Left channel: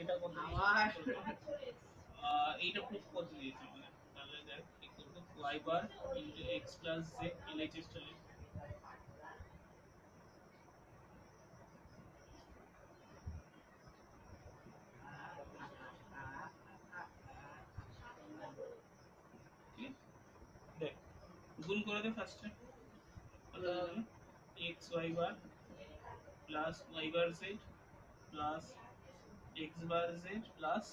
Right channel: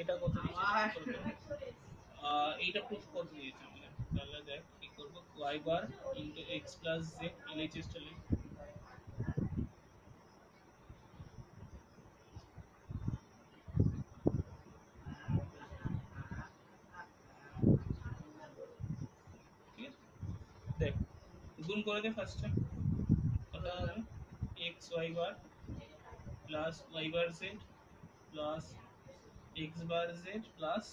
এটা কত এইটা প্রুফ কত দিয়েছে আমাদের, তাহলে দেখ কি করব, y বার into x plus z LHS চলে। দেখ গুণ করে দে ফার্স্টে, কত হবে x y বার প্লাস y বার z প্লাস x বার z plus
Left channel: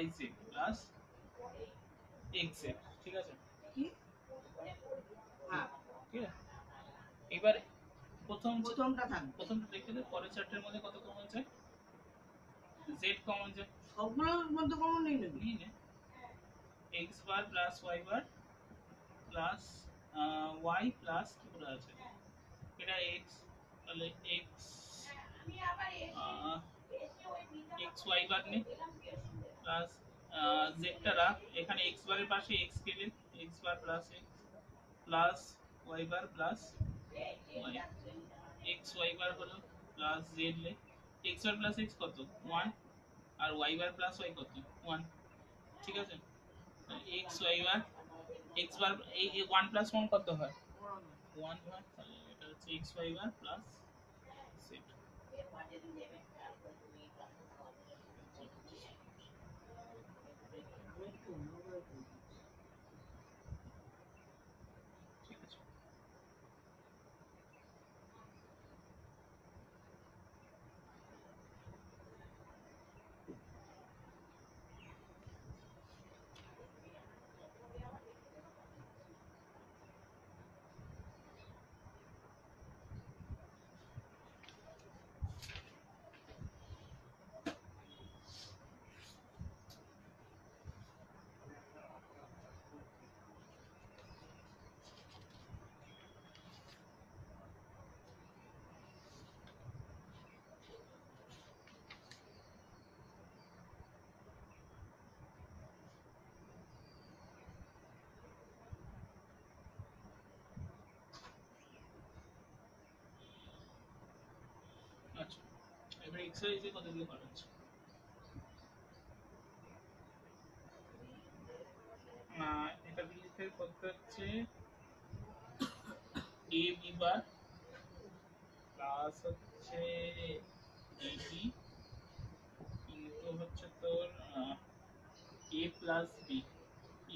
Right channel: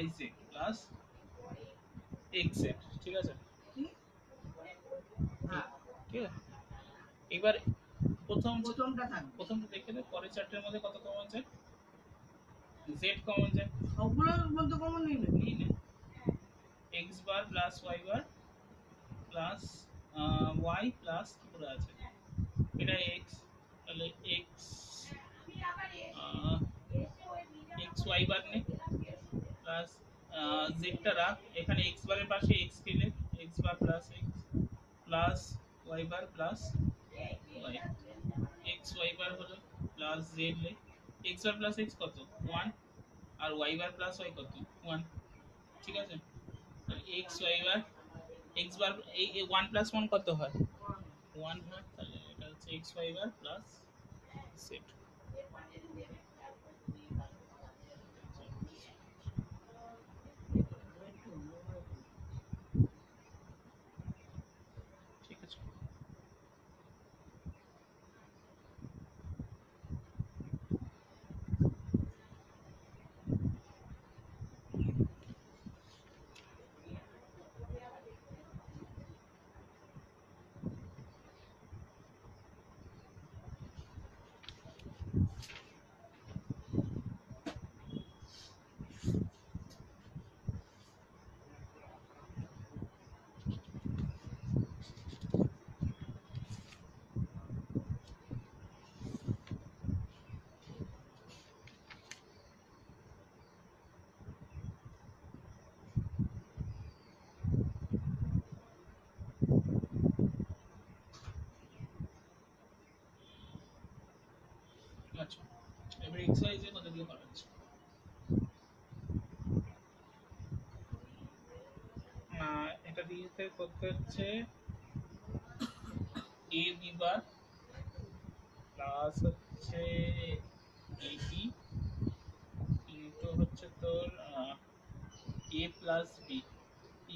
y z plus x z, ঠিক আছে? হ্যাঁ ঠিক আছে, এবার প্রথমটা থাকবে, প্রথমটা দেখে দে, পরের চারটের মধ্যে কত কমন যায়, z কমন যায়, সবগুলোর মধ্যে কমন নিয়ে নেবে। নিয়ে নে, x বার প্লাস y বার প্লাস y প্লাস কি করে আছে, এটা x, তাহলে x x y বার নে প্লাস z টা রাখ, এখানে x বারের পাশে x দিলে x bar plus x plus y বার প্লাস y, x y বার হলো প্লাস z লে, x বার প্লাস x কত 1 আর y বার প্লাস y কত 1, ঠিক আছে? x y বার x বার এই 1 প্লাস 1 কত হয় 1 হয়, তাহলে এটা হচ্ছে x y বার প্লাস z। ঠিক আছে, আচ্ছা এবার এক্সারসাইজে কত দিয়ে করা হচ্ছে, এটা দিয়েতে করতে হচ্ছে a b বার প্লাস হচ্ছে ab ইনটু হচ্ছে তোর a plus b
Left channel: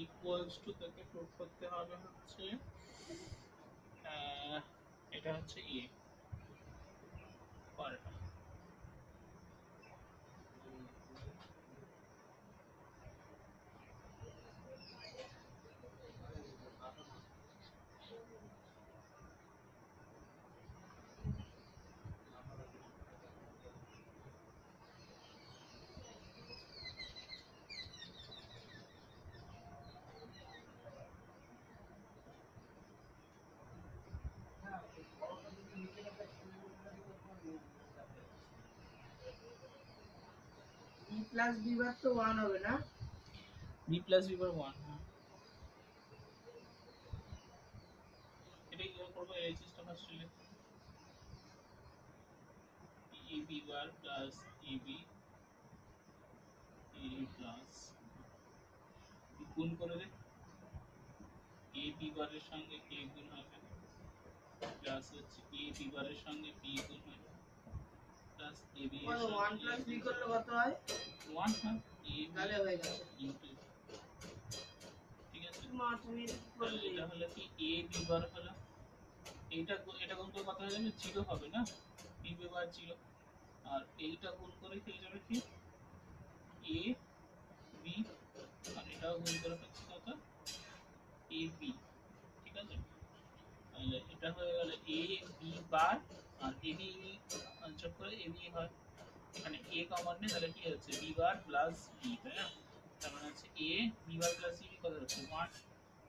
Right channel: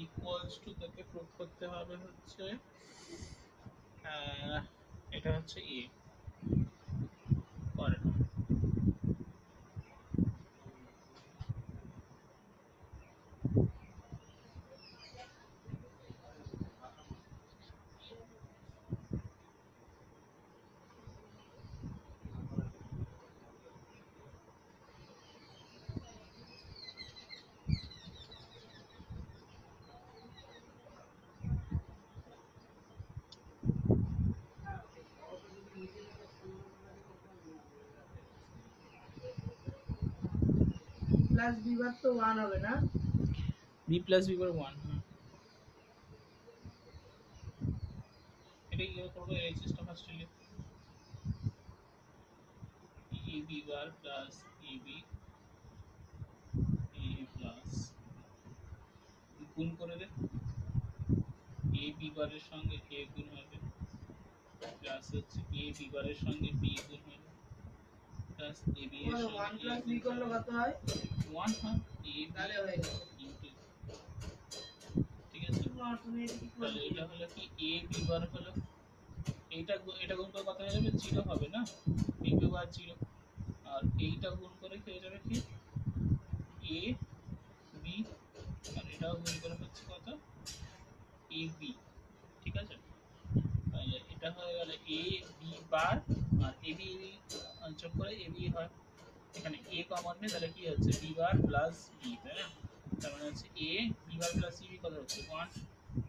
equals to, তোকে প্রুফ করতে হবে হচ্ছে এটা হচ্ছে a করে প্লাস বি বার তো 1 হবে না, b প্লাস b বার 1, হ্যাঁ এটা কি করব, এই সিস্টেম ফার্স্ট লিখ a b bar plus a b a plus গুণ করে দে, a b বারের সঙ্গে a গুণ হবে প্লাস হচ্ছে a b বারের সঙ্গে b গুণ হবে প্লাস a b এর সঙ্গে 1 প্লাস বি করলে কত হয় 1, হ্যাঁ a তাহলে হয়ে গেল ইনটু, ঠিক আছে? মা তুমি এটা কি তাহলে করলে, এটা হলো কি a b বার হলো, এটা গুণ করে কত হয়ে যাবে 0 হবে না, b b বার 0, আর এইটা গুণ করে হয়ে যাবে কি a b, আর এটাও গুণ করে হচ্ছে কত a b, ঠিক আছে? তাহলে এটা হয়ে গেল a b বার, আর a b যোগ করে a b হয়, এখানে a কমন নেই, তাহলে কি হচ্ছে b বার প্লাস b, তাই না? তার মানে হচ্ছে a b bar plus b কত হচ্ছে 1,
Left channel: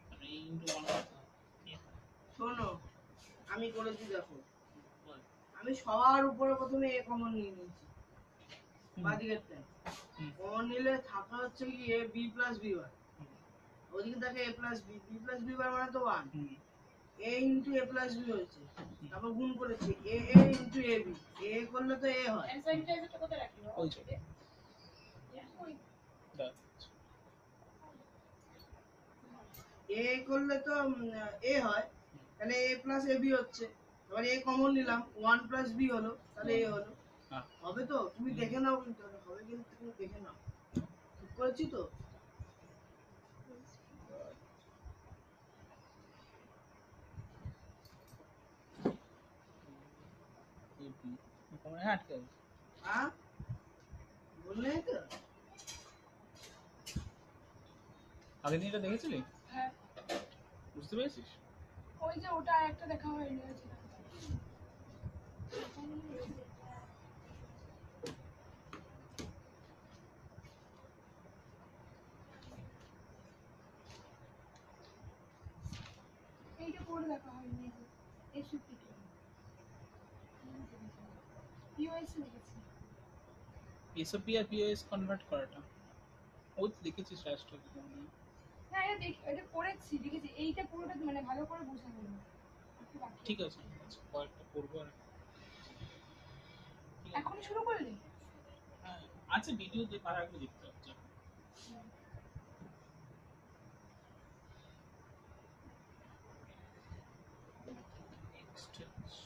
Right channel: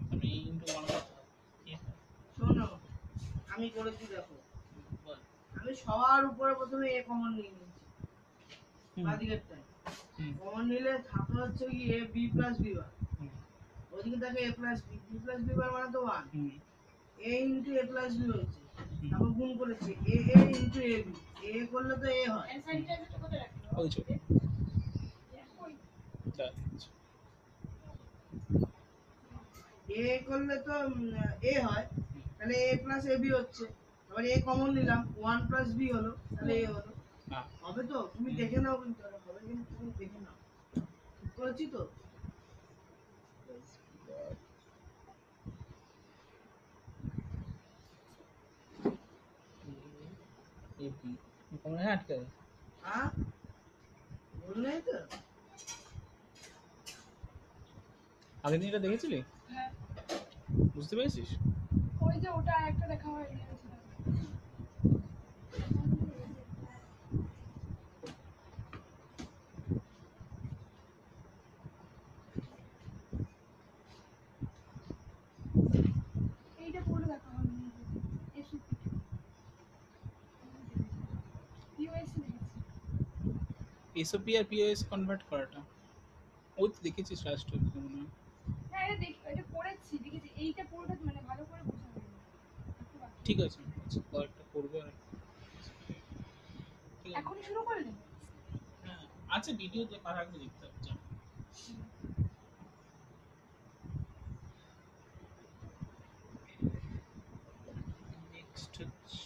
তাহলে a ইনটু 1 কত হয়, শোনো আমি করেছি দেখো, বল আমি সবার উপরে প্রথমে এ কমন নিয়ে নিয়েছি বাদিকেরটা, কমন নিলে থাকে হচ্ছে কি A B plus B bar, ওদিকে থাকে A plus B, B plus B bar মানে তো 1, A into A plus B হয়েছে, তারপর গুণ করেছি এ ইন্টু এ বি, এ করলে তো এ হয়, ওই যে দেখ, এ করলে তো এ হয়, তাহলে এ প্লাস এ বি হচ্ছে। এবার এ কমন নিলাম, ওয়ান প্লাস বি হলো, তাহলে এ হলো। হ্যাঁ হবে তো? তুমি দেখে নাও, কিন্তু হবে, কিন্তু তুমি দেখে নাও। ঠিক করেছি তো? হ্যাঁ ঠিক আছে। হ্যাঁ, বললে তো। আগের দিন এটা দেখেছিলি? হ্যাঁ, বুঝতে পেরেছিস? ওই যে ওটা একটা দেখা হয়নি ওইটা। এইটা পুরো দেখা হয়নি। এসপি পিওএস দেখেছি। এসওপি আর পিওএস কনভার্ট করাটা ও তো দেখেছিস লাস্ট মনে হয়। হ্যাঁ, এটা দেখি, এটা পড়েছি, দেখেছি। এইটা পুরোটা মানে ভালো করে বোঝা যায়নি। একটু বাকি। ঠিক আছে, আচ্ছা কয়েকটা করবো আর ঠিক আছে। এখনই শুরু করলি? হ্যাঁ আচ্ছা, ভিডিও দেখার আগে দেখতে হচ্ছে। নেক্সট হচ্ছে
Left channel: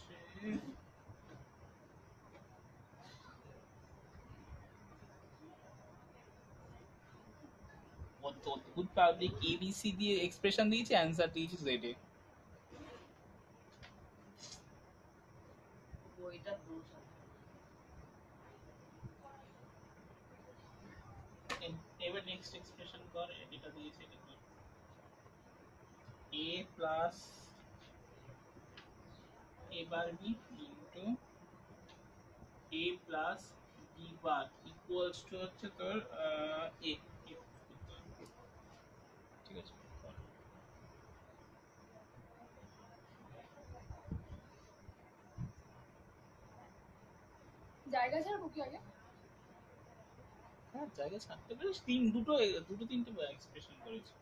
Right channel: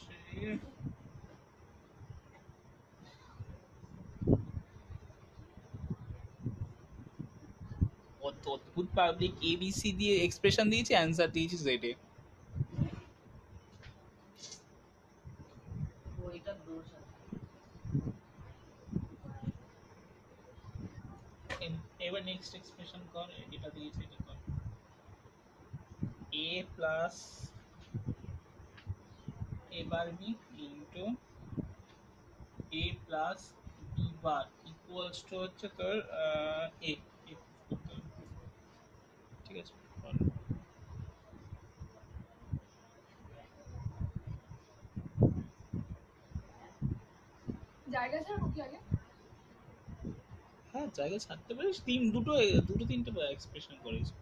অদ্ভুত পাবলিক এবিসি দিয়ে এক্সপ্রেশন দিয়েছে, অ্যান্সার দিয়েছে জেডে। ওইটার দোষ আছে। এবার নেক্সট এক্সপ্রেশন কর, এটা দিয়েছে, এটা কর। a plus a bar b into a plus b bar equals to হচ্ছে তোর a করতে হবে। ঠিক আছে, কর। জায়গা ছাড়বো কি আগে? হ্যাঁ জায়গা ছাড়তে পারিস, দুটো তিনটে এক্সপ্রেশন করেছি।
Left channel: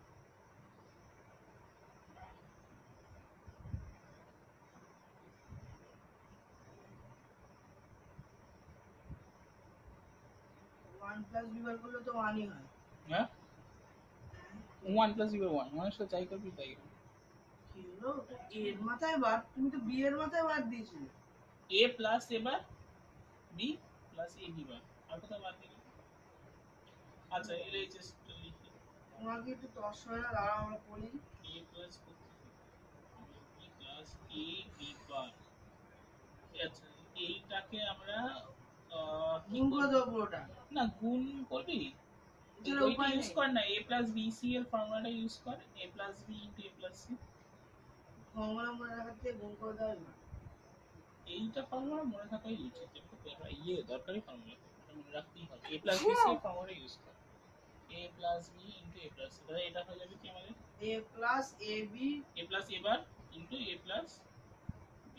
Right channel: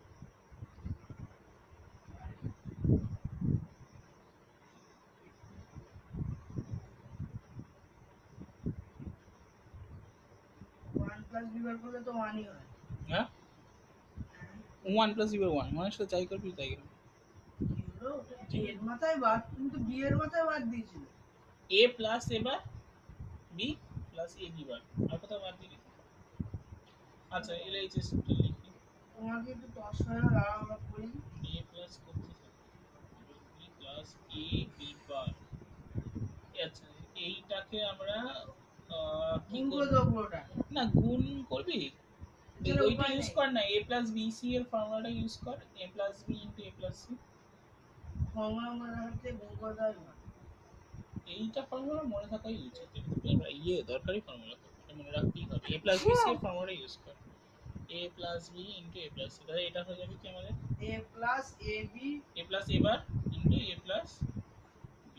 ওয়ান প্লাস বি বার করলে তো ওয়ানই হয়। হ্যাঁ, ওয়ান প্লাস বি ওয়ান, মানে সাথে যাই করবি তাই করবি। কি হলো? ওটা এর মাথায় বাদ, তুমি তো বি এর মাথায় বাদ দিয়েছিলে। a plus a bar b plus a b bar, আর কোথাও বাদ দিলি? আচ্ছা এর এই যে লিখি তোমাকে একটু তস হয় না, দাঁড়াও আমরা করি। a প্লাস করতে b প্লাস a b বার। আচ্ছা এইটাকে আমরা কি গুণ করে করব? দেবো পুরোটা। না গুণ করবি, এছাড়া ওইটা উপায় ইউজ নেই। কর না, a প্লাস bc এর ফর্মুলাটা ইউজ কর, a plus b into a plus c। Formula মনে রাখার থেকে গুণ করে দেওয়াই ভালো। এইটা ফর্মুলা মনে থাকাই উচিত, দরকারি ফর্মুলা, এটা মনে রাখতেই হবে। a প্লাস bc এর ফর্মুলা ইউজ কর, a plus b into a plus c, তাহলে এটা হয়ে যাবে কি আমাদের A plus A B a plus a bar into a plus b,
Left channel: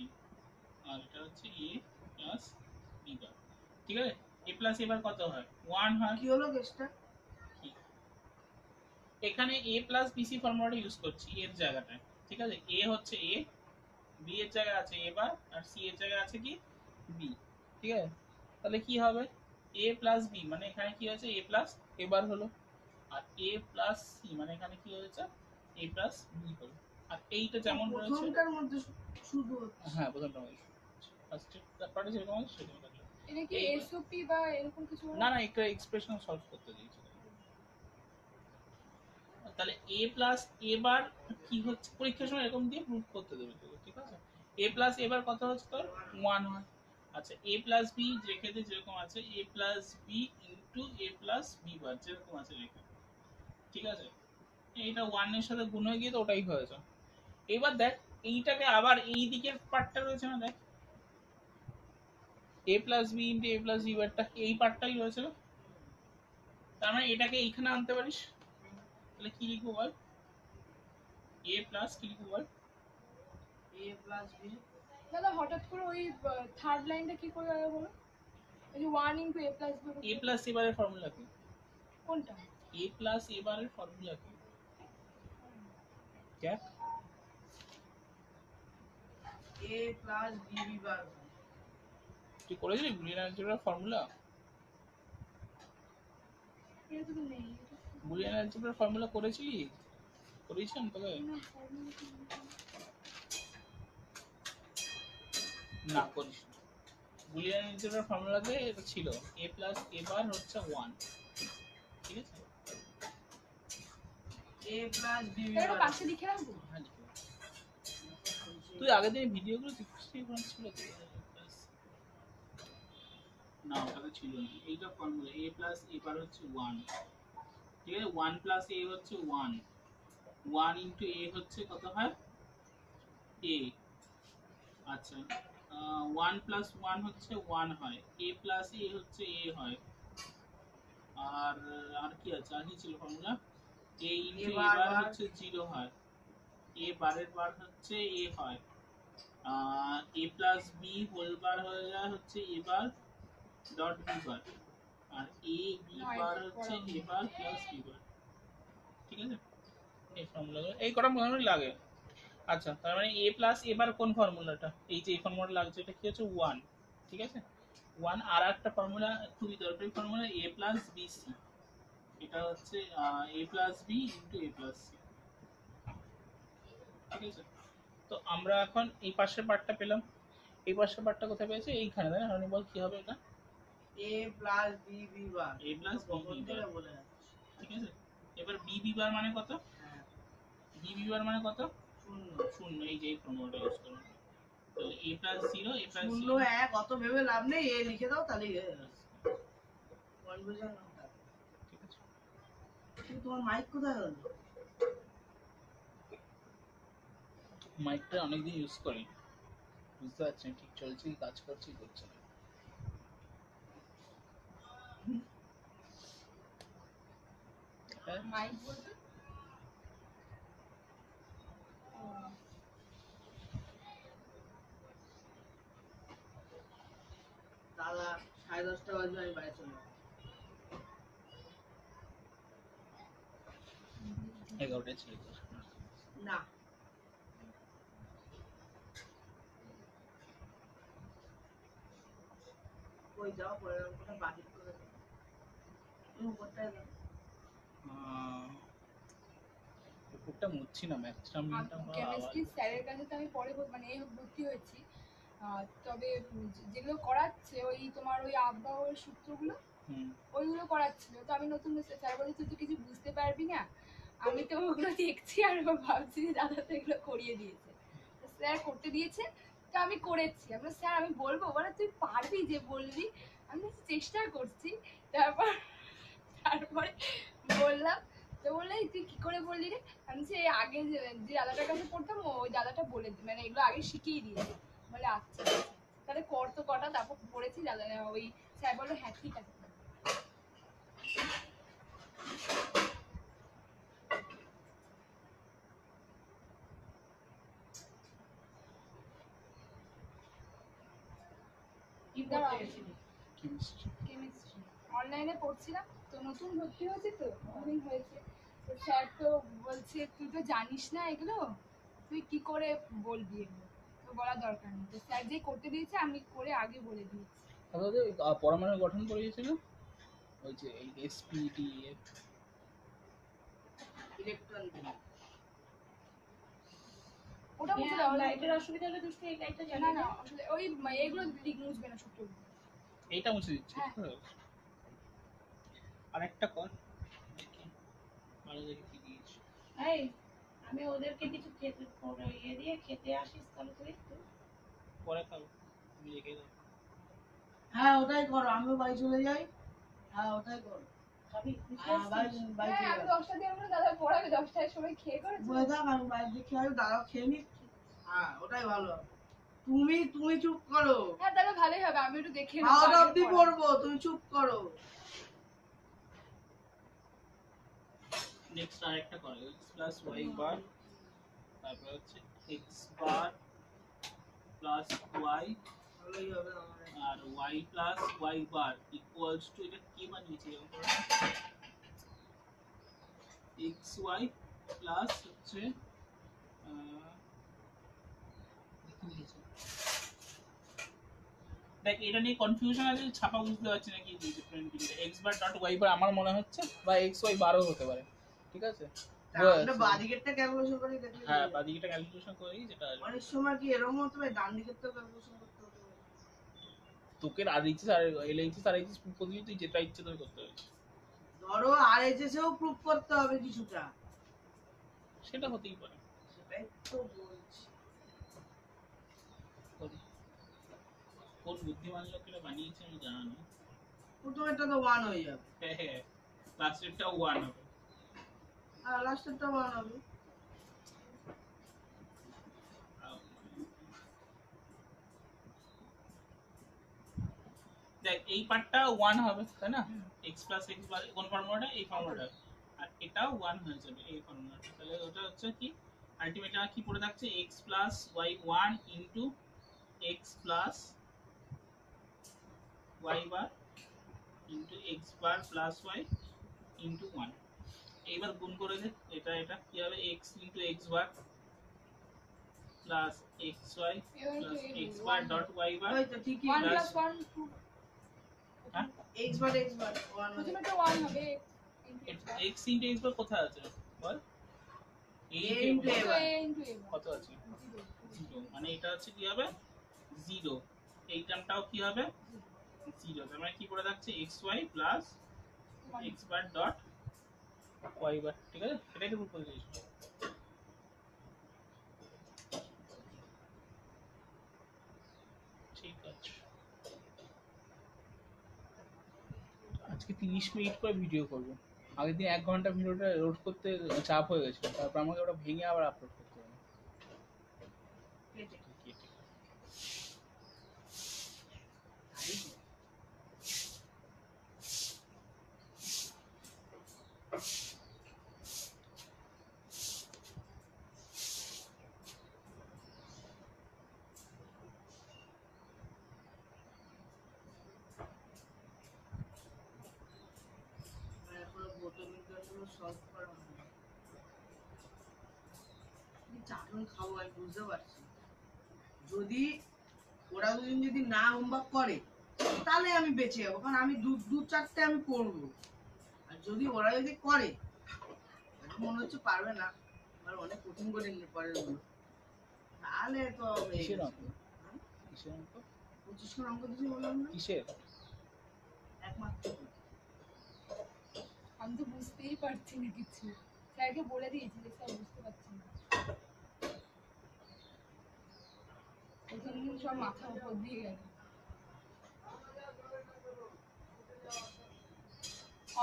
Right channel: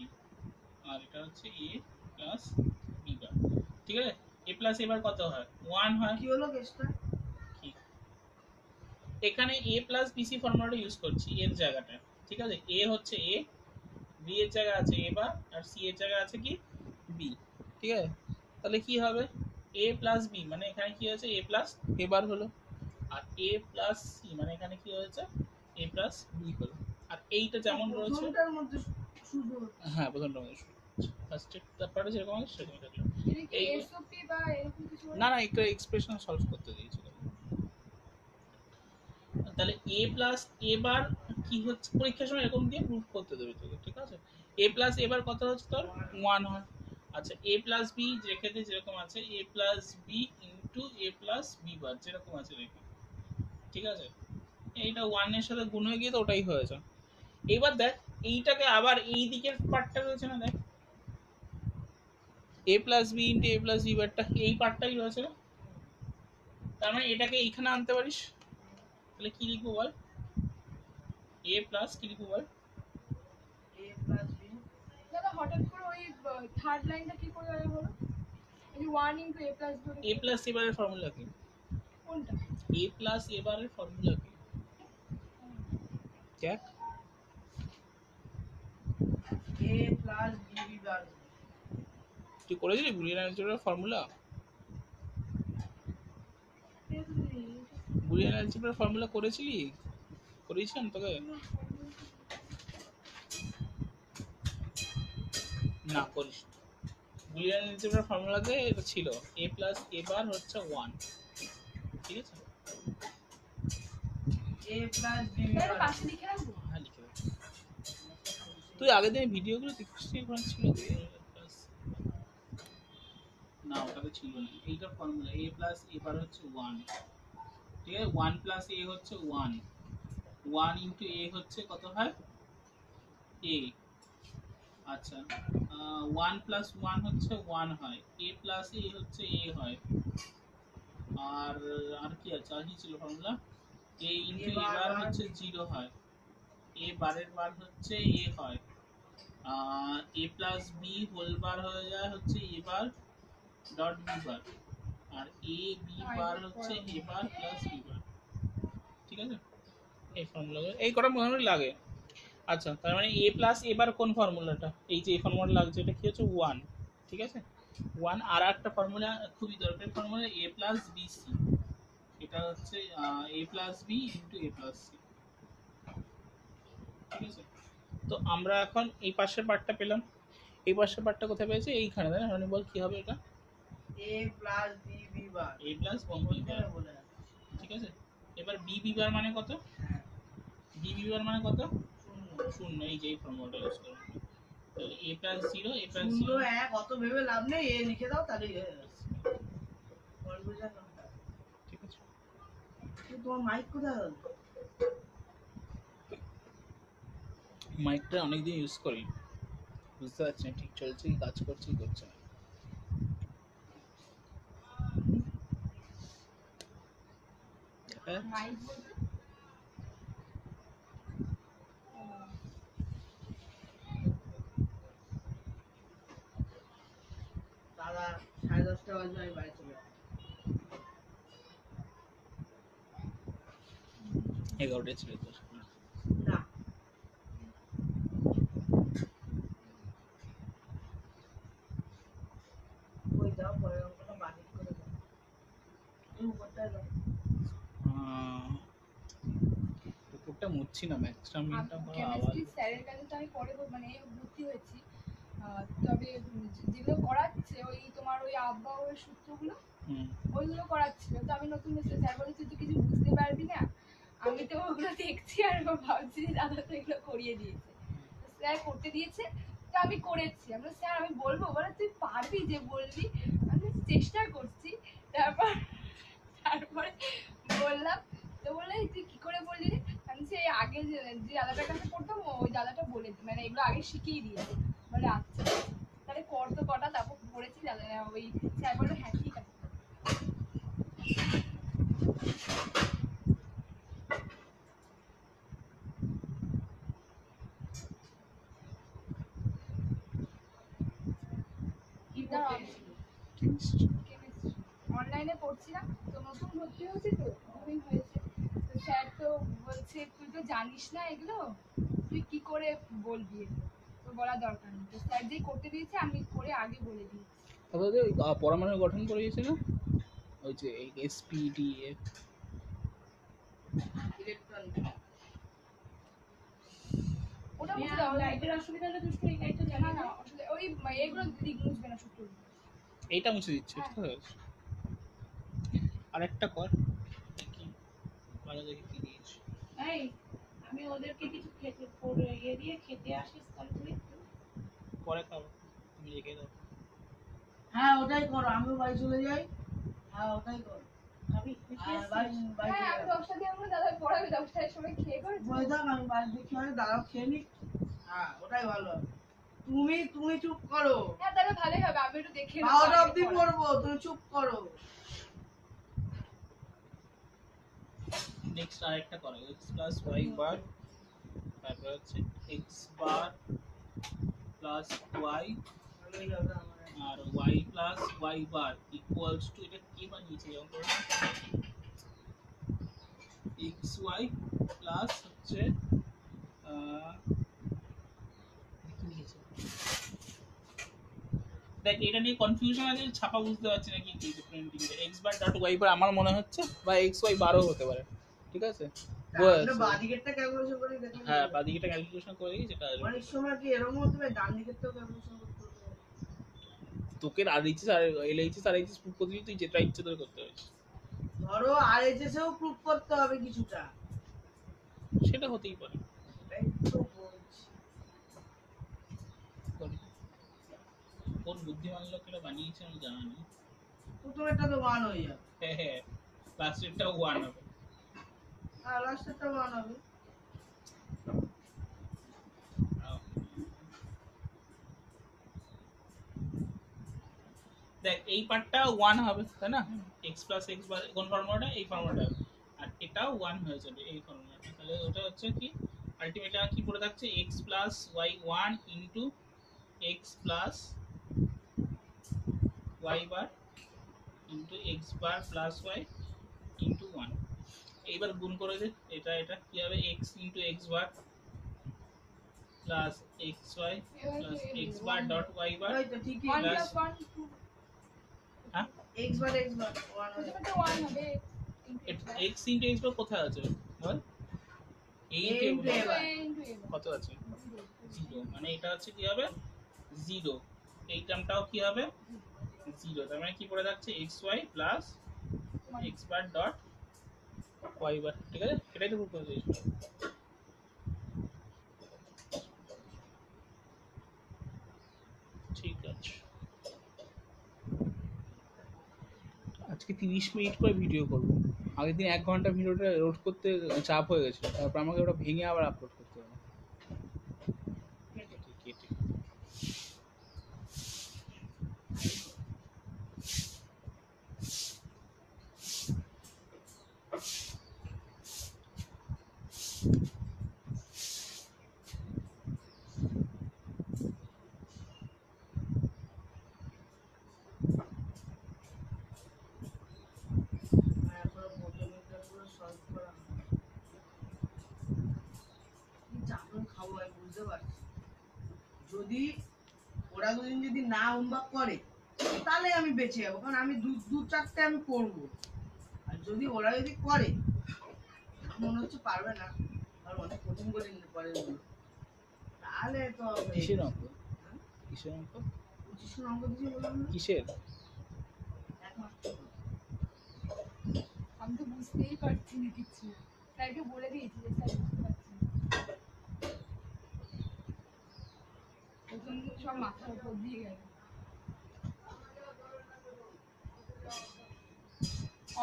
আর এটা হচ্ছে a প্লাস b বার। ঠিক আছে, a প্লাস a বার কত হয়? 1 হয়। কি হলো কেসটা? কি এখানে a প্লাস bc ফর্মুলাটা ইউজ করছি এর জায়গাটা। ঠিক আছে, a হচ্ছে a, b এর জায়গা আছে a বার, আর c এর জায়গা আছে কি b। ঠিক আছে, তাহলে কি হবে a প্লাস b, মানে এখানে কি হয়েছে a প্লাস a বার হলো, আর a প্লাস c মানে এখানে কি হয়েছে a প্লাস b হলো। আর এইটা যেমন রয়েছে, প্রথমটার মধ্যে শুধু হ্যাঁ প্রথমটা মধ্যে ফার্স্ট ব্যাপারটা যেরকম আছে সেরকমই থাকলো। এটা কি এইবার এসওপি বা এরকম কিছু? না না, একটা এক্সপ্রেশন সলভ করতে দিয়েছিল। তাহলে a প্লাস a বার কি হচ্ছে, পরীক্ষার সময় এরকম দিয়ে প্রুফ করতে দেবে তোকে। ঠিক আছে, a প্লাস a বার কত হচ্ছে তোর 1 হয়। আচ্ছা a প্লাস b রেখে দে যেরকম আছে, a plus b into a plus b বার যেরকম আছে রেখে। ঠিক আছে, এইটা 1 এর সাথে গুণ হয়ে গিয়ে তো ওটাই হয়েছে। এবার দেখ এইটাকে আবার এই দিকের পার্টটা রয়েছে না, দেখ a plus b into a plus b বারটা এই পার্টটাই রয়েছে না, তার মানে এটাকে এইখানে আনতে পারিস। তাহলে কি লিখবো বল, a প্লাস কি লিখবো বল, এ প্লাস বি। দাদা হঠাৎ করে ওই থার্ড লাইনটা কি করে গেল বলো? এই যে 1 into a plus B. a plus a বারের ফর্মুলা কি? কোনটা? a প্লাস a বারের ফর্মুলা কি? क्या এ প্লাস বি বার হয়। তুই করেছিলি বুলিয়ান অ্যালজেব্রার ফর্মুলা? এটা তো নেই বুলিয়ান অ্যালজেব্রার ফর্মুলা করেছিলি? করেছিলাম তোকে? না করিস। বুলিয়ান অ্যালজেব্রার ফর্মুলাতে এটা ছিল a প্লাস a বার হচ্ছে 1, ঠিক আছে? এ প্লাস বি এটা বার পাশে লিখে রাখবো। হ্যাঁ লিখে রাখ। তুই আগের দিন ভিডিওগুলো দেখছিস ওখানে ছিল তো a প্লাস, না ওটাতে ছিল না। এইটা ফর্মুলা a প্লাস a বার হচ্ছে 1, ঠিক আছে? 1 প্লাস a হচ্ছে 1, 1 ইন্টু a হচ্ছে কত হয় a। আচ্ছা 1 প্লাস 1 হচ্ছে 1 হয়, a প্লাস a হচ্ছে a হয়। আর আর কি আছে, আর কি ছিল ফর্মুলা? a ইন্টু a বার হচ্ছে 0 হয়, a বারের বার হচ্ছে a হয়। a plus b whole bar হয়ে যায় হচ্ছে a bar dot b bar, আর a b বার হচ্ছে a bar plus b bar, ঠিক আছে? এই ফর্মুলা এই কটা মোটামুটি লাগে। আচ্ছা তার মানে a প্লাস a বার কোন ফর্মুলাটা? এই যে এই ফর্মুলাটা লাগছে এটা কি হচ্ছে 1, ঠিক আছে? 1 আর একটা ফর্মুলা খুবই দরকারি ফর্মুলা a প্লাস bc, এটা হচ্ছে a plus b into a plus c, ঠিক আছে? তো আমরা এখন এই পাশের পার্টটা পেলাম, এই পাশের পার্টটা কোথায় পেয়েছি? এইখানে, তাই না? রনি বল কি হবে এটা? A plus B bar a plus b কখন b থেকে বার, বলে যাচ্ছে। ঠিক আছে? এবার b b বার মানে কত? হ্যাঁ b b বার মানে কত? শূন্য। শূন্য। এই যে এই ফর্মুলাটা ইউজ করব, তাহলে a প্লাস 0, a প্লাস শূন্য 0 এক অত ভেবে লাভ নেই, এ লিখে দাও তাহলেই হয়ে যাবে। কনফিউশন না। ঠিক আছে? কিন্তু তোমার মাইক কোথায় গেল? মাইকটা অনেকদিন ইউজ করি, বুঝতে পারছি না ঠিক চলছে কি কাজ করছে কি করছে না। মাইক বলতে দাদা 10:30 বাজে আমি বাড়ি চলে যাবো। 11টা ছিল তোর। না কই যাও পরের অঙ্কটা বাতিল করে দাও, তুমি উপরটায় দাও। কুকুরটা মুছছি না, ম্যাক্সটা মিনটা কেমিস্ট্রি স্যারের কাছে তো আমি পরে মানে ভর্তি হয়েছি। তবে যেগুলো করাচ্ছে ওই তোমার ওই আবহাওয়ার সূত্রগুলো ওইগুলো করাচ্ছিল, তো আমি নতুন স্যার বলে তুই তো কিছু বুঝতে পারবি না। আমি তো ওগুলো দেখছি আর ভাবছি দাদা তো এগুলো করিয়ে দিয়েছে, স্যার করতে দিয়েছে তো আমি করেছি। আমরা স্যার আমি বলবো, বলে তুই পারবি যে বলবি, আমি চেষ্টা করছি। তারপরে বললাম, তো বললে তুই কি করে বললি রে? আমি সে আগে যে দাদাটার কাছে পড়তাম ওই দাদাটা বলে মানে এগুলো আগে শিখিয়ে দিয়েছে। বলে আচ্ছা তাহলে কর তো কটা, তারপর পড়েছি দাদা ওই স্যার বললো হ্যাঁ ঠিক আছে। কি পড়তে গেছিলি? কেমিস্ট্রি অনলাইনে পড়ছিলাম, তো নতুন ভর্তি হয়েছি তো অনেকদিন হয়েছে। তো স্যার তো বলছে তুই তো জানিস না এগুলো, তুই কি করে বলবি এগুলো, তো বলার দরকার নেই। তো স্যার যে করতে দিয়েছে আমি করে আগে বলে দিয়েছি। তাহলে পরমাণু গঠন করে দিয়েছে না ওই যে SPDF, ইলেকট্রন ওটা মুছে দাও, লাইটের অসুবিধা হলে তুই এই লাইটটা জ্বালা না, অসুবিধা ওই এগুলো দিক মুছবে না সূত্রগুলো। এইটা মুছে দিচ্ছি, হ্যাঁ। ঠিক আছে? আরেকটা কর দেখি, ভালো দেখে কি দিয়েছে। এই আমি ওদেরকে কিছু খেতে করে ইয়ে দিয়ে খেতে আসিস তাহলে তুই পরে খাবো, তুমি রেখে দাও। হ্যাঁ ওটাই করো, আমিও বাড়ি চলে যাই। হ্যাঁ ওটাই করো। খাবি হ্যাঁ, বাড়ি বাড়ি হ্যাঁ চলে আমি যাবো। 10টা দিয়ে আমরা দাদা পড়াবে 10টার সময় খেয়ে করে বলে থাক আমি বাড়ি দিয়ে খেয়ে আসি, দাদাও খেয়ে নি। হ্যাঁ ওটাই ভালো হবে। তুমি তুমি চুপ করো, হ্যাঁ তাহলে ভালোই হবে, আমি একটু দেখে নেবো 12টা আগে অব্দি পড়া। পড়বো, তুমি চুপ করো। নেক্সট আরেকটা করো, x প্লাস y বার, তারপর হচ্ছে x বার প্লাস y ভালোই হবে আমার। আর y plus y bar equals to, এটা কি বানিয়েছে যেমন xy প্লাস হচ্ছে কি লিখেছে দেখ এটা নিয়ে কনফিউশন আছে, ছাপা বুঝতে পারছি না কি দিয়েছে প্রিন্টিং এ। x বার ডট y বার আমার মনে হচ্ছে, বা x y বারও হতে পারে, ঠিক আছে? আমরা বাদিকেরটা ক্যালকুলেশন করে দেখলে হ্যাঁ, বাদিকেটা ক্যালকুলেশন করেই যেটা আসবে। অনেক সময় কি এরকম হতে পারে ডান দিকেরটাও ক্যালকুলেশন করতে হতে পারে। তোকে RHS আর LHS আর RHS প্রুফ করতে তুই যেটা ইচ্ছে তোর করতে হবে, ধরো আরএইচএস এও প্রুফ করতে হবে কিছুটা, সেটা হতেই পারে। সেটাই তো বলছি। কোন বুদ্ধিমান লোকেরা বানিয়েছে আমি জানা নেই। প্রথমেরটা তো 1 হয়ে যাবে, হ্যাঁ হ্যাঁ, লাস্টেরটা 1 হবে। আর লাস্টেরটা 1 হবে। দেখ এই পার্টটা 1 হবে তাই না, x প্লাস x বার কোন ফর্মুলাটা, এই ফর্মুলাটা, আর এটাও 1 হয়ে যাবে এই ফর্মুলাটা। তাহলে ওটা হচ্ছে কি আলটিমেটলি কি পড়ে থাকছে, x plus y 1 into x plus y বার into x bar plus y into 1। এইবার গুণ করে দে, এটা এটা কি হবে, x into x bar plus xy plus x bar dot y bar. ওই তো ঠিকই, 1 Plus- + 1 2 হ্যাঁ, x বার 1 হয়ে যাবে। প্রথমেটা 1 হবে x ইনটু x বার কোথায় আছে বল, এই A into A বার। কত আছে, 0, মানে এটা হচ্ছে কি হবে 0, এই টার্মটাও কি হবে 0। তার মানে কি পড়ে যাচ্ছে xy plus x bar dot y বার, ঠিক আছে? এটাই তো প্রুফ করে দিয়েছি। ঠিক আছে, আজকে 30 মিনিট করে ভিডিও করব। আগের দিন 1 ঘন্টা ভিডিওটা লোড করতে চাপ হয়ে গেছিল, তারপর আমাকে ওটা ভেঙে আবার আপলোড করতে হবে কেটে। আর এখনো বোটোমিটারগুলো সলভ করা হয়নি। কি চাটন খাবো আমি বুঝতে পারছি। যদি ওরা দুদিন যদি না হোমওয়ার্ক করে তাহলে আমি বেঁচে যাবো, কারণ আমি দু চারটে আমি করবো। আর যদি ওরা যদি করে, আমার মনে হচ্ছে পারবে না, আর অনেক কঠিন কঠিন পরের গুলো, তাহলে তো হয়ে কিসের গেছে। অঙ্ক? হ্যাঁ? কিসের অঙ্ক? 25 অঙ্ক দিয়েছি বললাম না, কিসের? একমাত্র। আমি তো বুঝতেই পারছি না কিছু, স্যারকে বলে দিয়েছি যে স্যার বুঝতে পারছি না। প্রথম দিন সব মাথার উপর দিয়ে গেল।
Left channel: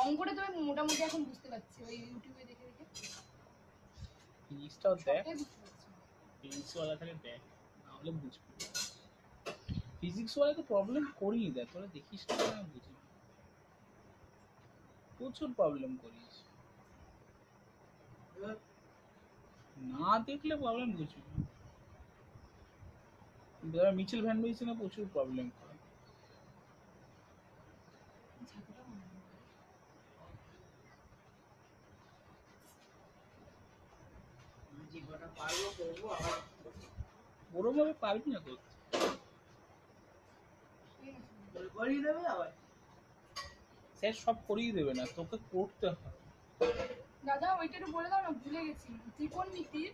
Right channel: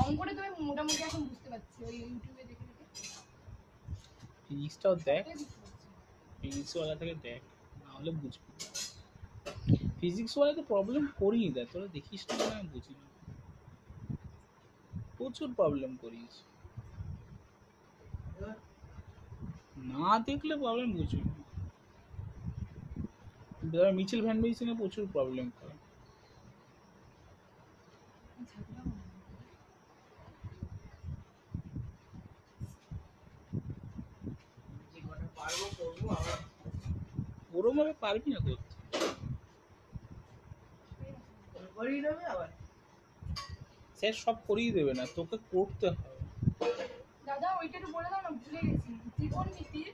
অঙ্কটা তো আমি মোটামুটি এখন বুঝতে পারছি, ওই ইউটিউবে দেখে দেখে ফিজিক্সটাও দেখ, সবটাই বুঝতে পারছি। ফিজিক্স ওয়ালা থেকে দেখ, নাহলে বুঝবি। ফিজিক্স ওয়ালাতে প্রবলেম করিয়ে দেয়, তোরা দেখিস না কেন আমি বুঝি না, প্রচুর প্রবলেম করিস, এবার না দেখলে প্রবলেম বুঝবি না। মিচেল ভ্যান বেইসনে প্রচুর প্রবলেম করে। ঝাঁকুটা মনে হয়। যে কটা পারবো করবো, আবার ওরম ভাবে পারবি না করতে, করে করিয়ে দেবে আবার। স্যার সব করিয়ে দেবে না, তোকে করতে হবে। দাদা ওইটা একটু বলে দাও না, ভুলে গেছি। ত্রিকোণমিতির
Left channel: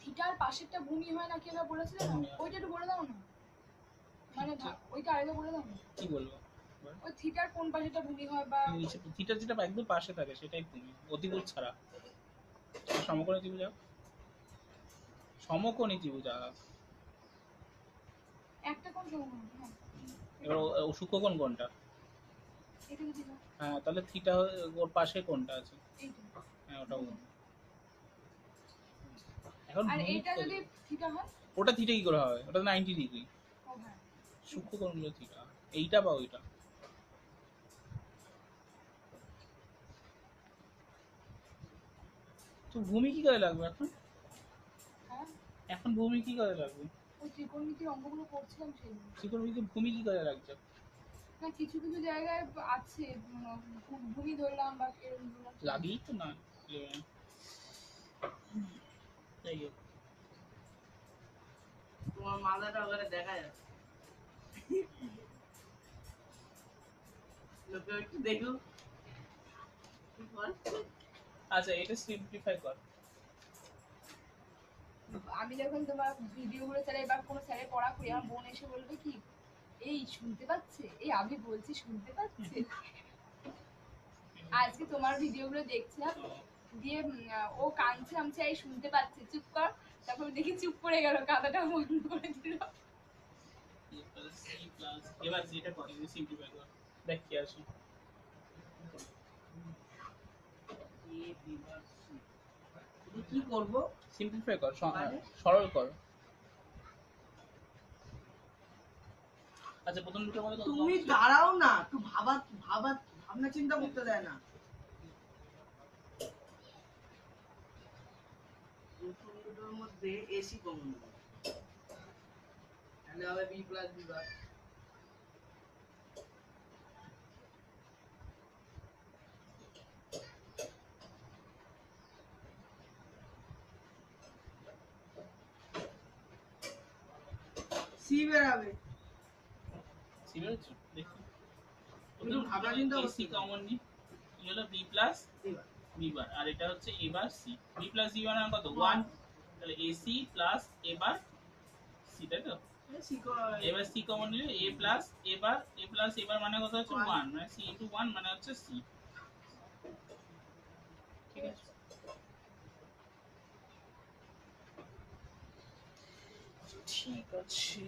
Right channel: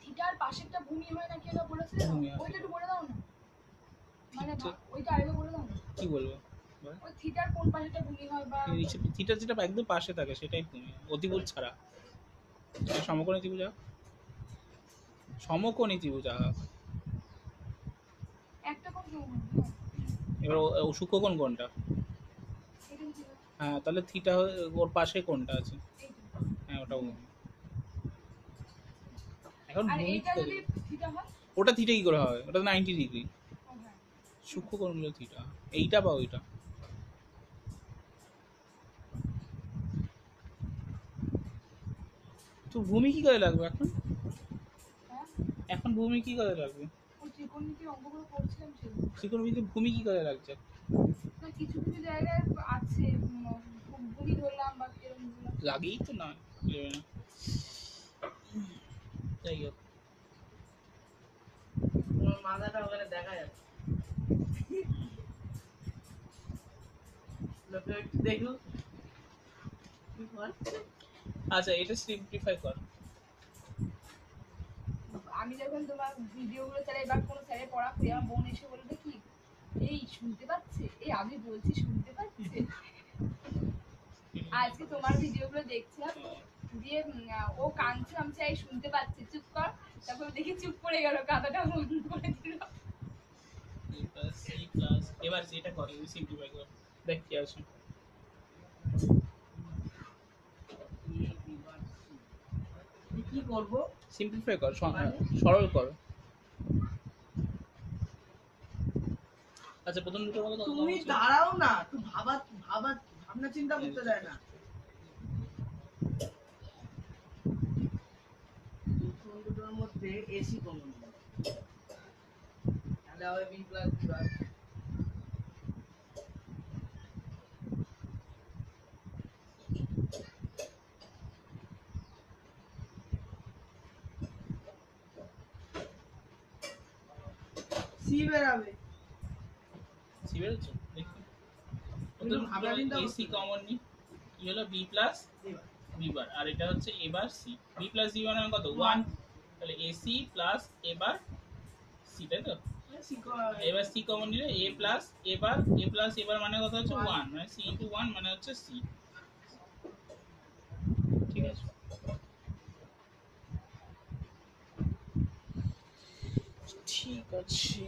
থিটার পাশেরটা ভূমি হয় না, কি ওটা বলেছিলে না? ভূমি হয়। ওইটা একটু বলে দাও না, মানে থিটা- ওইটা আগে বলে দাও না। কি বলবো, ওই থিটার কোন পাশেরটা ভূমি হয় বা নিচে থিটা যেটা একদম পাশে থাকে সেটাই তুমি অতিভুজ ছাড়া, আর সমকোণী ত্রিভুজ আঁক। সমকোণী ত্রিভুজ আঁক। একটা কোন সমভুজ না, এবার ও সূক্ষ্মকোণ কোনটা? এটা যদি না, হ্যাঁ, তাহলে থিটা ওর পাশে কোনটা আছে? এইটা। হ্যাঁ, ওটা ভূমি। এখন আর ভূমি এইটা কি যদি করবে? থিটা হয়, ওটা থিটা কি করে হবে, ওটা 90 ডিগ্রি। ও হ্যাঁ, সূক্ষ্মকোণ হলো থিটা, এইটা বা ওইটা। তো ভূমি কি করে লাগবে এখন? হ্যাঁ এখন ভূমি কি করে লাগবে? ওই ত্রিকোণমিতির অঙ্কগুলো করছিলাম সেগুলো। ত্রিকোণমিতিতে ভূমি কি করে লাগছে? না কিছু কিছু জায়গায় আছে ভূমি ধরলাম বা এরকম লাগেই তো না, লেবে না। যাই হোক, তোমার মাথাটা ওখানে দেখা যাচ্ছে। তোকে একটু দেখো কি করছে। আচ্ছা এটা সিম্পলিফাই কর। আমি যখন তোমার ভিডিওগুলো চালাই বা কোনো স্যারের পড়া করি, আমার বোন এসে বলবে কি, এই শুনতে পাচ্ছে, এই আমি বলছি শুনতে পাচ্ছে। আজকে তোমার ভিডিওগুলো দেখছিলাম, দিয়ে ও কাঁদছে, আমি চাই শুনতে পাচ্ছে, চুপ কর। তারপর দেখি চুপ করে গেল, কাঁদাটা বন্ধ করে দিল। a plus c plus এবার যেটা করে সিম্পলিফাই কর, দেখ কি আসে। কি করব? সিম্পলিফাই কর, মানে? সরল কর। আচ্ছা প্রথম দুটোর মধ্যে কত তুমি কম আছে? দাঁড়াও না, একটু ভাবনা চিন্তা করতে দেয় না। প্রথম দুটোর মধ্যে এসি কমন, তাহলে হবে B plus B bar. C বেরাবে। সি বেরোচ্ছে দেখি। তুমি তো ভাবনা চিন্তা করতে এসি কমন নি, কি হলো বি প্লাস বি বার, আর এটা হচ্ছে A bar C. B plus B bar মানে কত 1, তাহলে AC plus A bar C, তাই তো? এবার সি কমন নিলে এ প্লাস এবার মানে কত হচ্ছে 1, মানে সি ইনটু 1 মানে হচ্ছে সি। ঠিক আছে, ঠিক আছে।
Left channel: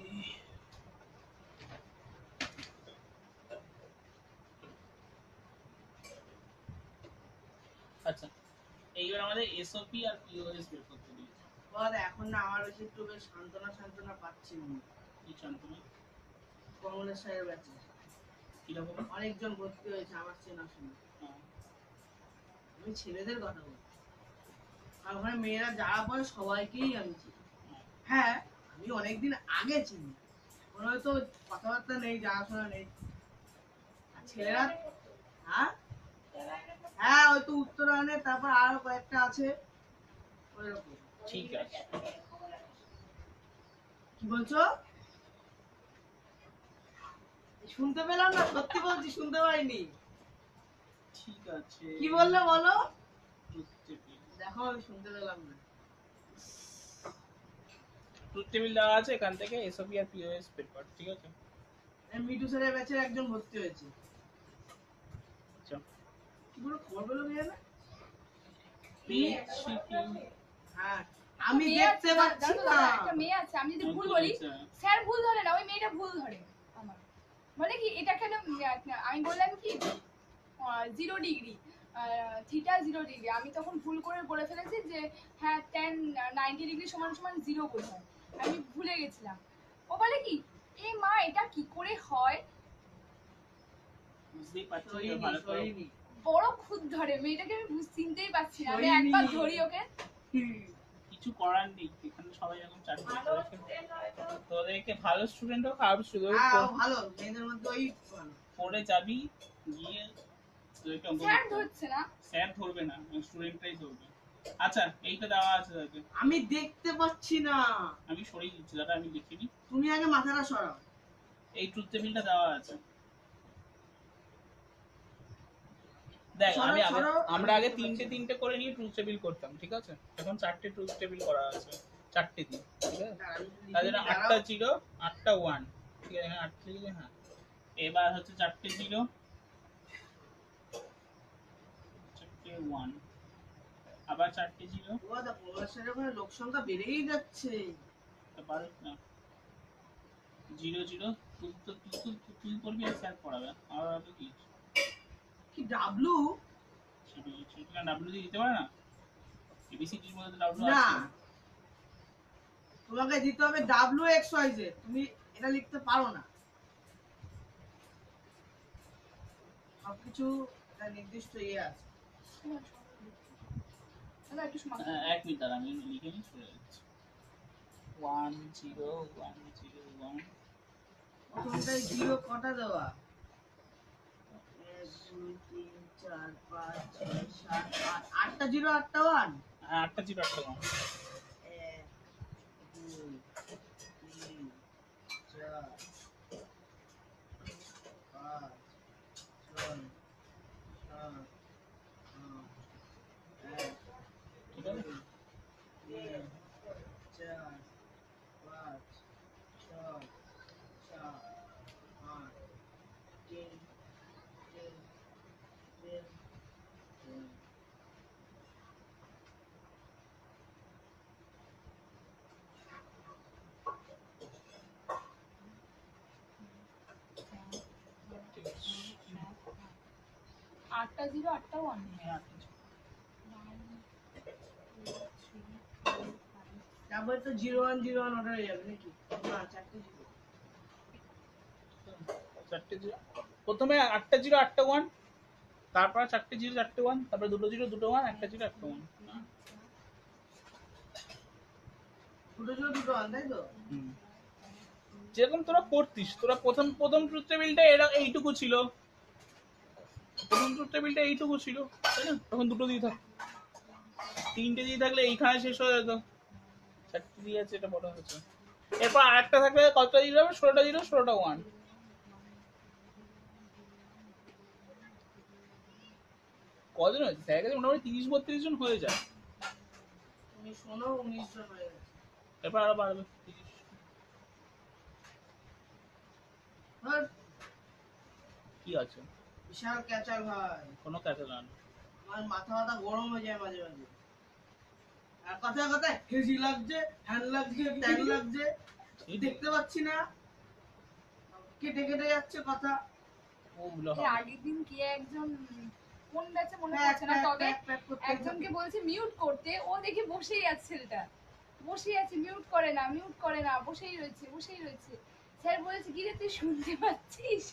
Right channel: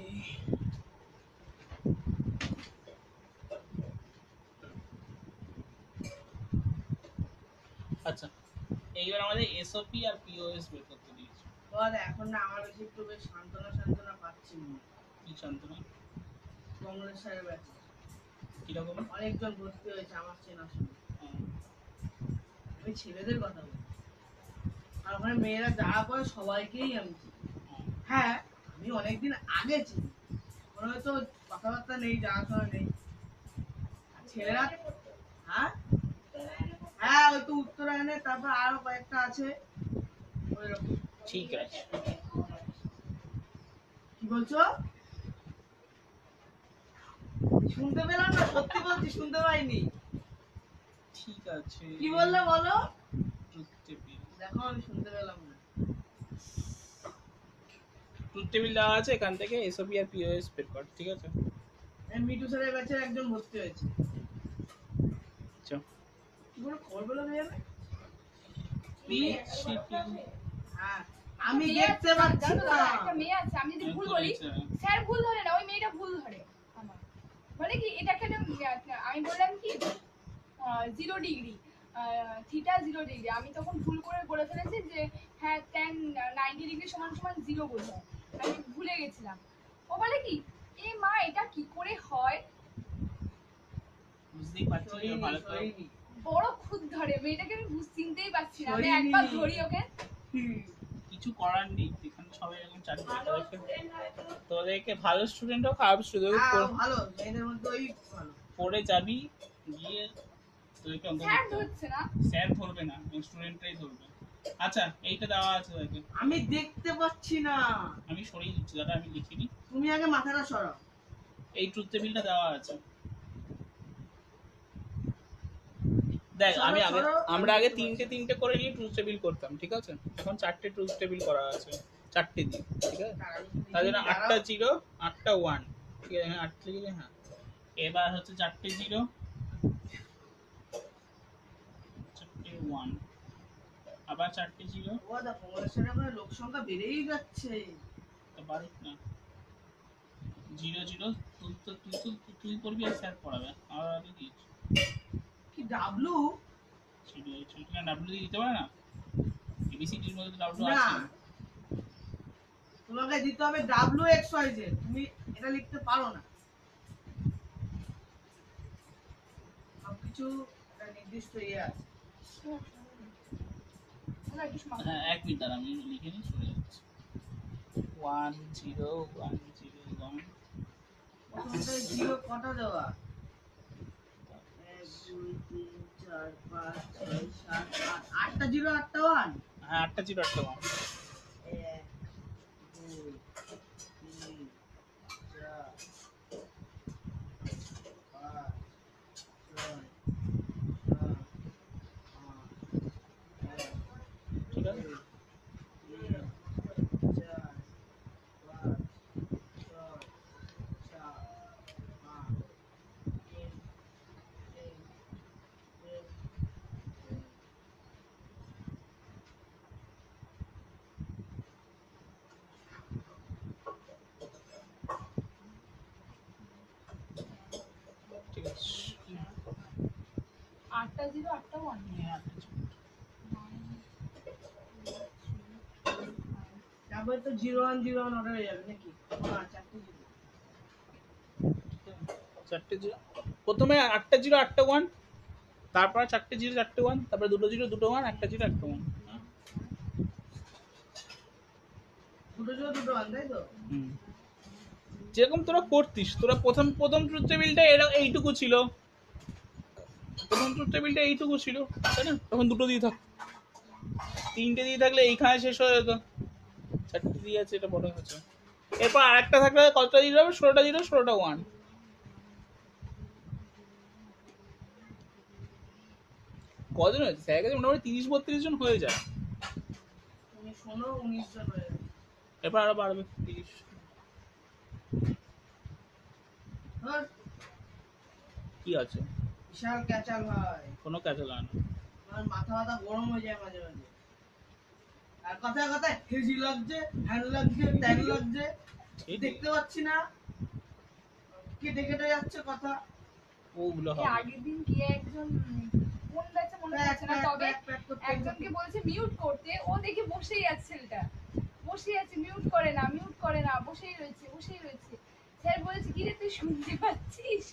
আচ্ছা এইবার আমাদের এসওপি আর পিওএস বের করতে দিয়েছে। বল এখন না আমার বেশি একটু বেশ সান্ত্বনা পাচ্ছি না। কি যন্ত্রণা? কমলেশ স্যারের ব্যাচে কিরকম? অনেকজন ভর্তি হয়েছে আমার চেনাশোনা। আমি ছেলেদের কথা বলি, আর ওখানে মেয়েরা যারা পড়ে সবাইকেই আমি চিনি। হ্যাঁ আমি অনেকদিন আগে চিনি, কোনো হয়তো কথাবার্তা নেই, জানাশোনা নেই। আর ছেলেরা হ্যাঁ হ্যাঁ ওই তো উত্তরায়ণে, তারপর আরো কয়েকটা আছে ওইরকম। ঠিক আছে, কি বলছো? শুনতে পেলাম না, সত্যি বলছি শুনতে পাইনি। ঠিক আছে। কি বললে বলো? ট্রুথ টেবিল, দেখো আমি শুনতে পেলাম না। ট্রুথ টেবিল দেওয়া আছে, এখান থেকে এসওপি আর পিওএস বের কর, ঠিক আছে? মিটু স্যারের ব্যাচের একজন ভর্তি হয়েছে। আচ্ছা কি করে খবর পেলো কে জানে? হ্যাঁ আমি দেখতে পাচ্ছি জানো তো, না। একটা মেয়ে আছে, আমি যদি ভুল বলি স্যার ভুল ধরে না, ওই মেয়েটা ভুল ধরে আমার। মানে কি এটা কেন, আমি বললাম কি 0 ডিগ্রি থিটা 0 ডিগ্রি, আমি তখন ভুল করে বলে ফেলেছি যে হ্যাঁ tan 90 ডিগ্রি সমান সমান 0 বোঝায়, আমি ভুলে গেছিলাম। ও বলে কি, এ মা এটা কি করে হয়? বুঝতেই পারছি সরিনি, ভালো করে। সরিনি। বড় খুদ ধরে মেয়েটাকে, আমি চিনতেই পারছি না। আমি সরিনি। একবার ধরি ওকে, কিছু করার নেই, এখানে সবাই এরকম চাকরি তোদেরকে ভালো স্টুডেন্ট হোক খারাপ স্টুডেন্ট হ্যাঁ ও ভালো, মেয়েদের মধ্যে ওই ভালো। পড়ে যাবি, গিয়ে তোদেরকে অঙ্ক স্যার করতে হবে। ধরছে না, স্যার ধরবে না, স্টুডেন্টরাই ধরবে। আচ্ছা এইটা দেওয়া আছে তাকে, আমি দেখতে পাচ্ছি না। আমি সরিয়ে দিচ্ছি দাদা, আমি লিখিনি। তুমি আগে মাথাটা সরাও। এই ট্রুথ টেবিলটা দেওয়া আছে, দেখ আমি আগে আমরা আগে তিনটে করে নিয়ে ট্রুথ টেবিল করতাম, ঠিক আছে? এখন 4টে ট্রুথ টেবিল করা আছে, 4টে দিয়ে, ঠিক আছে? তার জন্য 8টা 0 8টা 1, ঠিক আছে? এখানে 8 লিখে, হ্যাঁ এবার হচ্ছে 4টে 0 4টে 1, আবার 4টে 0। ও দা কমলেশের ওখানে লোক সংখ্যা বেড়েই যাচ্ছে। তো বাড়ুক না, 0 0 তুই করবি আর স্যার পড়াবে, আমার আগে কি কি ডাব্লু? সেটা ডাব্লিউ দিয়ে দিতে পারে না? এবিসিডির মধ্যে তো ডাব্লিউ না, আছে। তোমাকে দিতে হবে ডাব্লু এক্স ওয়াই জেড, তুমি এটা লিখতে পারো না। সবকিছু একটা নির্দিষ্ট ইয়ে আছে। দাদা একটু শোনো। হ্যাঁ 1 মিনিট দাঁড়া, আমি লিখে নিই, চলে যাচ্ছে। 1 0 1 0 1, প্রথমটাই জিরো কটা দেওয়া? 1 2 3 4 5 6 7 8, 8টা জিরো 8টা 1। হ্যাঁ 8টা 0 8টা 1, 1 2 3 4 5 6 ঠিক আছে 8টা 0 8টা 1 হ্যাঁ, আটটা ছিল। তারপরে তো 0101 অর্ডার হয়ে যাবে নাকি? না, 4টে জিরো। চারটে জিরো প্রথমে 8টা 0 8টা 1 তারপর 4টে 0 4টে 1 তারপরে 2টো 0 2টো 1 একটা 0 একটা 1 দুটো জিরো দুটো ওয়ান, তাই তো? যেরকম তোরা করতিস তোরা প্রথম প্রথম ট্রুথ টেবিলটা এরা এইটুকু ছিল প্রথম ট্রুথ টেবিলটা এইটুকু ছিল তাই না তখন দুটো দিয়ে থাক তিনটে দিয়ে থাকলে এইখানে শেষ হয়ে যেত চারটে দিয়ে আছে এটা বড় হচ্ছে এরপর আরেকটা থাকলে কতটা দিয়ে হবে 16টা 0 16টা 1 কজন হয়েছে স্যার কাছে মোটামুটি 30-32 জন হয়ে যায় তুমি শোনো 19 জন হয়ে গেছে। এরপর আরো বাড়বে 30 ধর, কি আছে বিশাল ক্যাচাল ভাই। কোনো কাজে লাগে না আমার মাথা মাথা গরম হয়ে যায় মাঝে মাঝে। আর কথায় কথায় হেজি লাগছে, হ্যান লাগছে, ট্যান লাগছে, দেখতে পাচ্ছি না, কেটে কেটে যাচ্ছে কথা। ওগুলো এই হবে আগের দিন কে একজন কোন ব্যাচে মনে প্যাক, পড়ছে না প্যাক, তবে প্যাক, প্যাক করতে একজনকে বলছে মিউট করতে, ও দেখি বসেই আছে ছেলেটা, বসেই আছে, মিউট করে না, বসেই রয়েছে। স্যার বলছে কি রে তুই শুনতে পাচ্ছিস?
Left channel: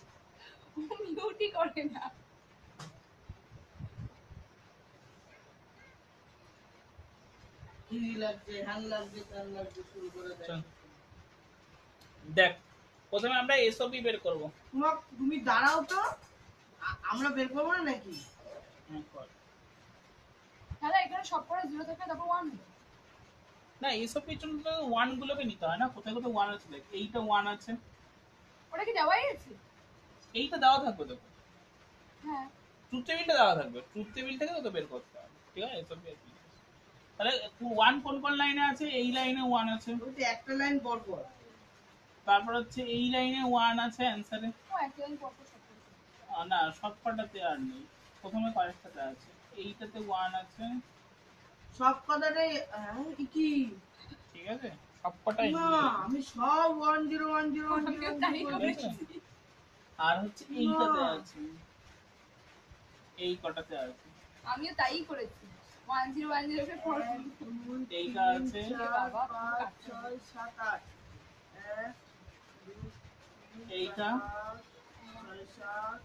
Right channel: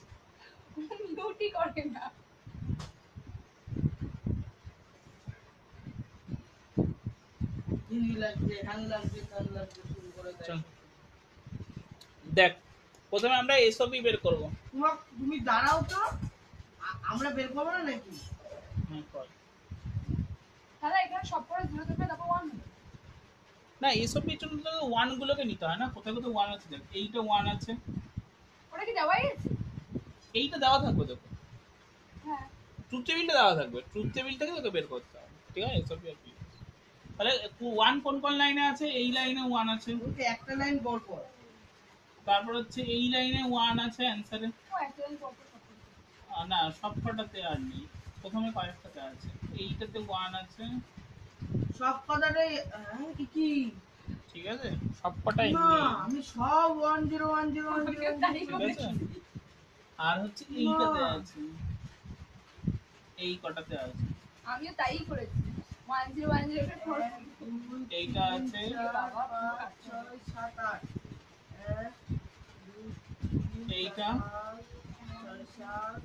মিউটই করে না। হেজি লাগছে, হ্যান লাগছে, ট্যান লাগছে, শুরু করে দেয়। চল। দেখ প্রথমে আমরা এসওপি বের করব তুমি দাঁড়াও তো, আমরা বের করবো না নাকি? হ্যাঁ কর তাহলে এখানে সব করে 0 থাকবে তারপর 1 না এসওপির জন্য তো 1 গুলোকে নিতে হয় না কোথায় কোথায় 1 আছে দেখ এইটা 1 আছে ওটা কি দেওয়াই আছে? এইটা দেওয়া থাকবে তোকে হ্যাঁ ট্রুথ টেবিলটা দেওয়া থাকবে ট্রুথ টেবিল থেকে তোকে বের করতে হবে ঠিক আছে এসওপি আর কি তাহলে 1 কোন কোন লাইনে আছে এই লাইনে 1 আছে বলতে একটা লাইন পর পর। তারপর হচ্ছে এই লাইনে 1 আছে অ্যানসারে ও একটা দিন পর পর সব করে। না সব কটাতে আর নেই প্রথমে কয়েকটাতে আছে এইটাতে 1 আছে সব কথাটাই কি? ঠিক আছে সব কটাই না, নেই আমি সব 10101010 তাই ঠিক করে আছে দেখছি। আর হচ্ছে এইটাতে না। আছে এই কটাতে আছে আমিও তাই করেছি 1010 কে পড়। এইটা আছে 4 5 6 7 8 1 2 3 এইটা 4 7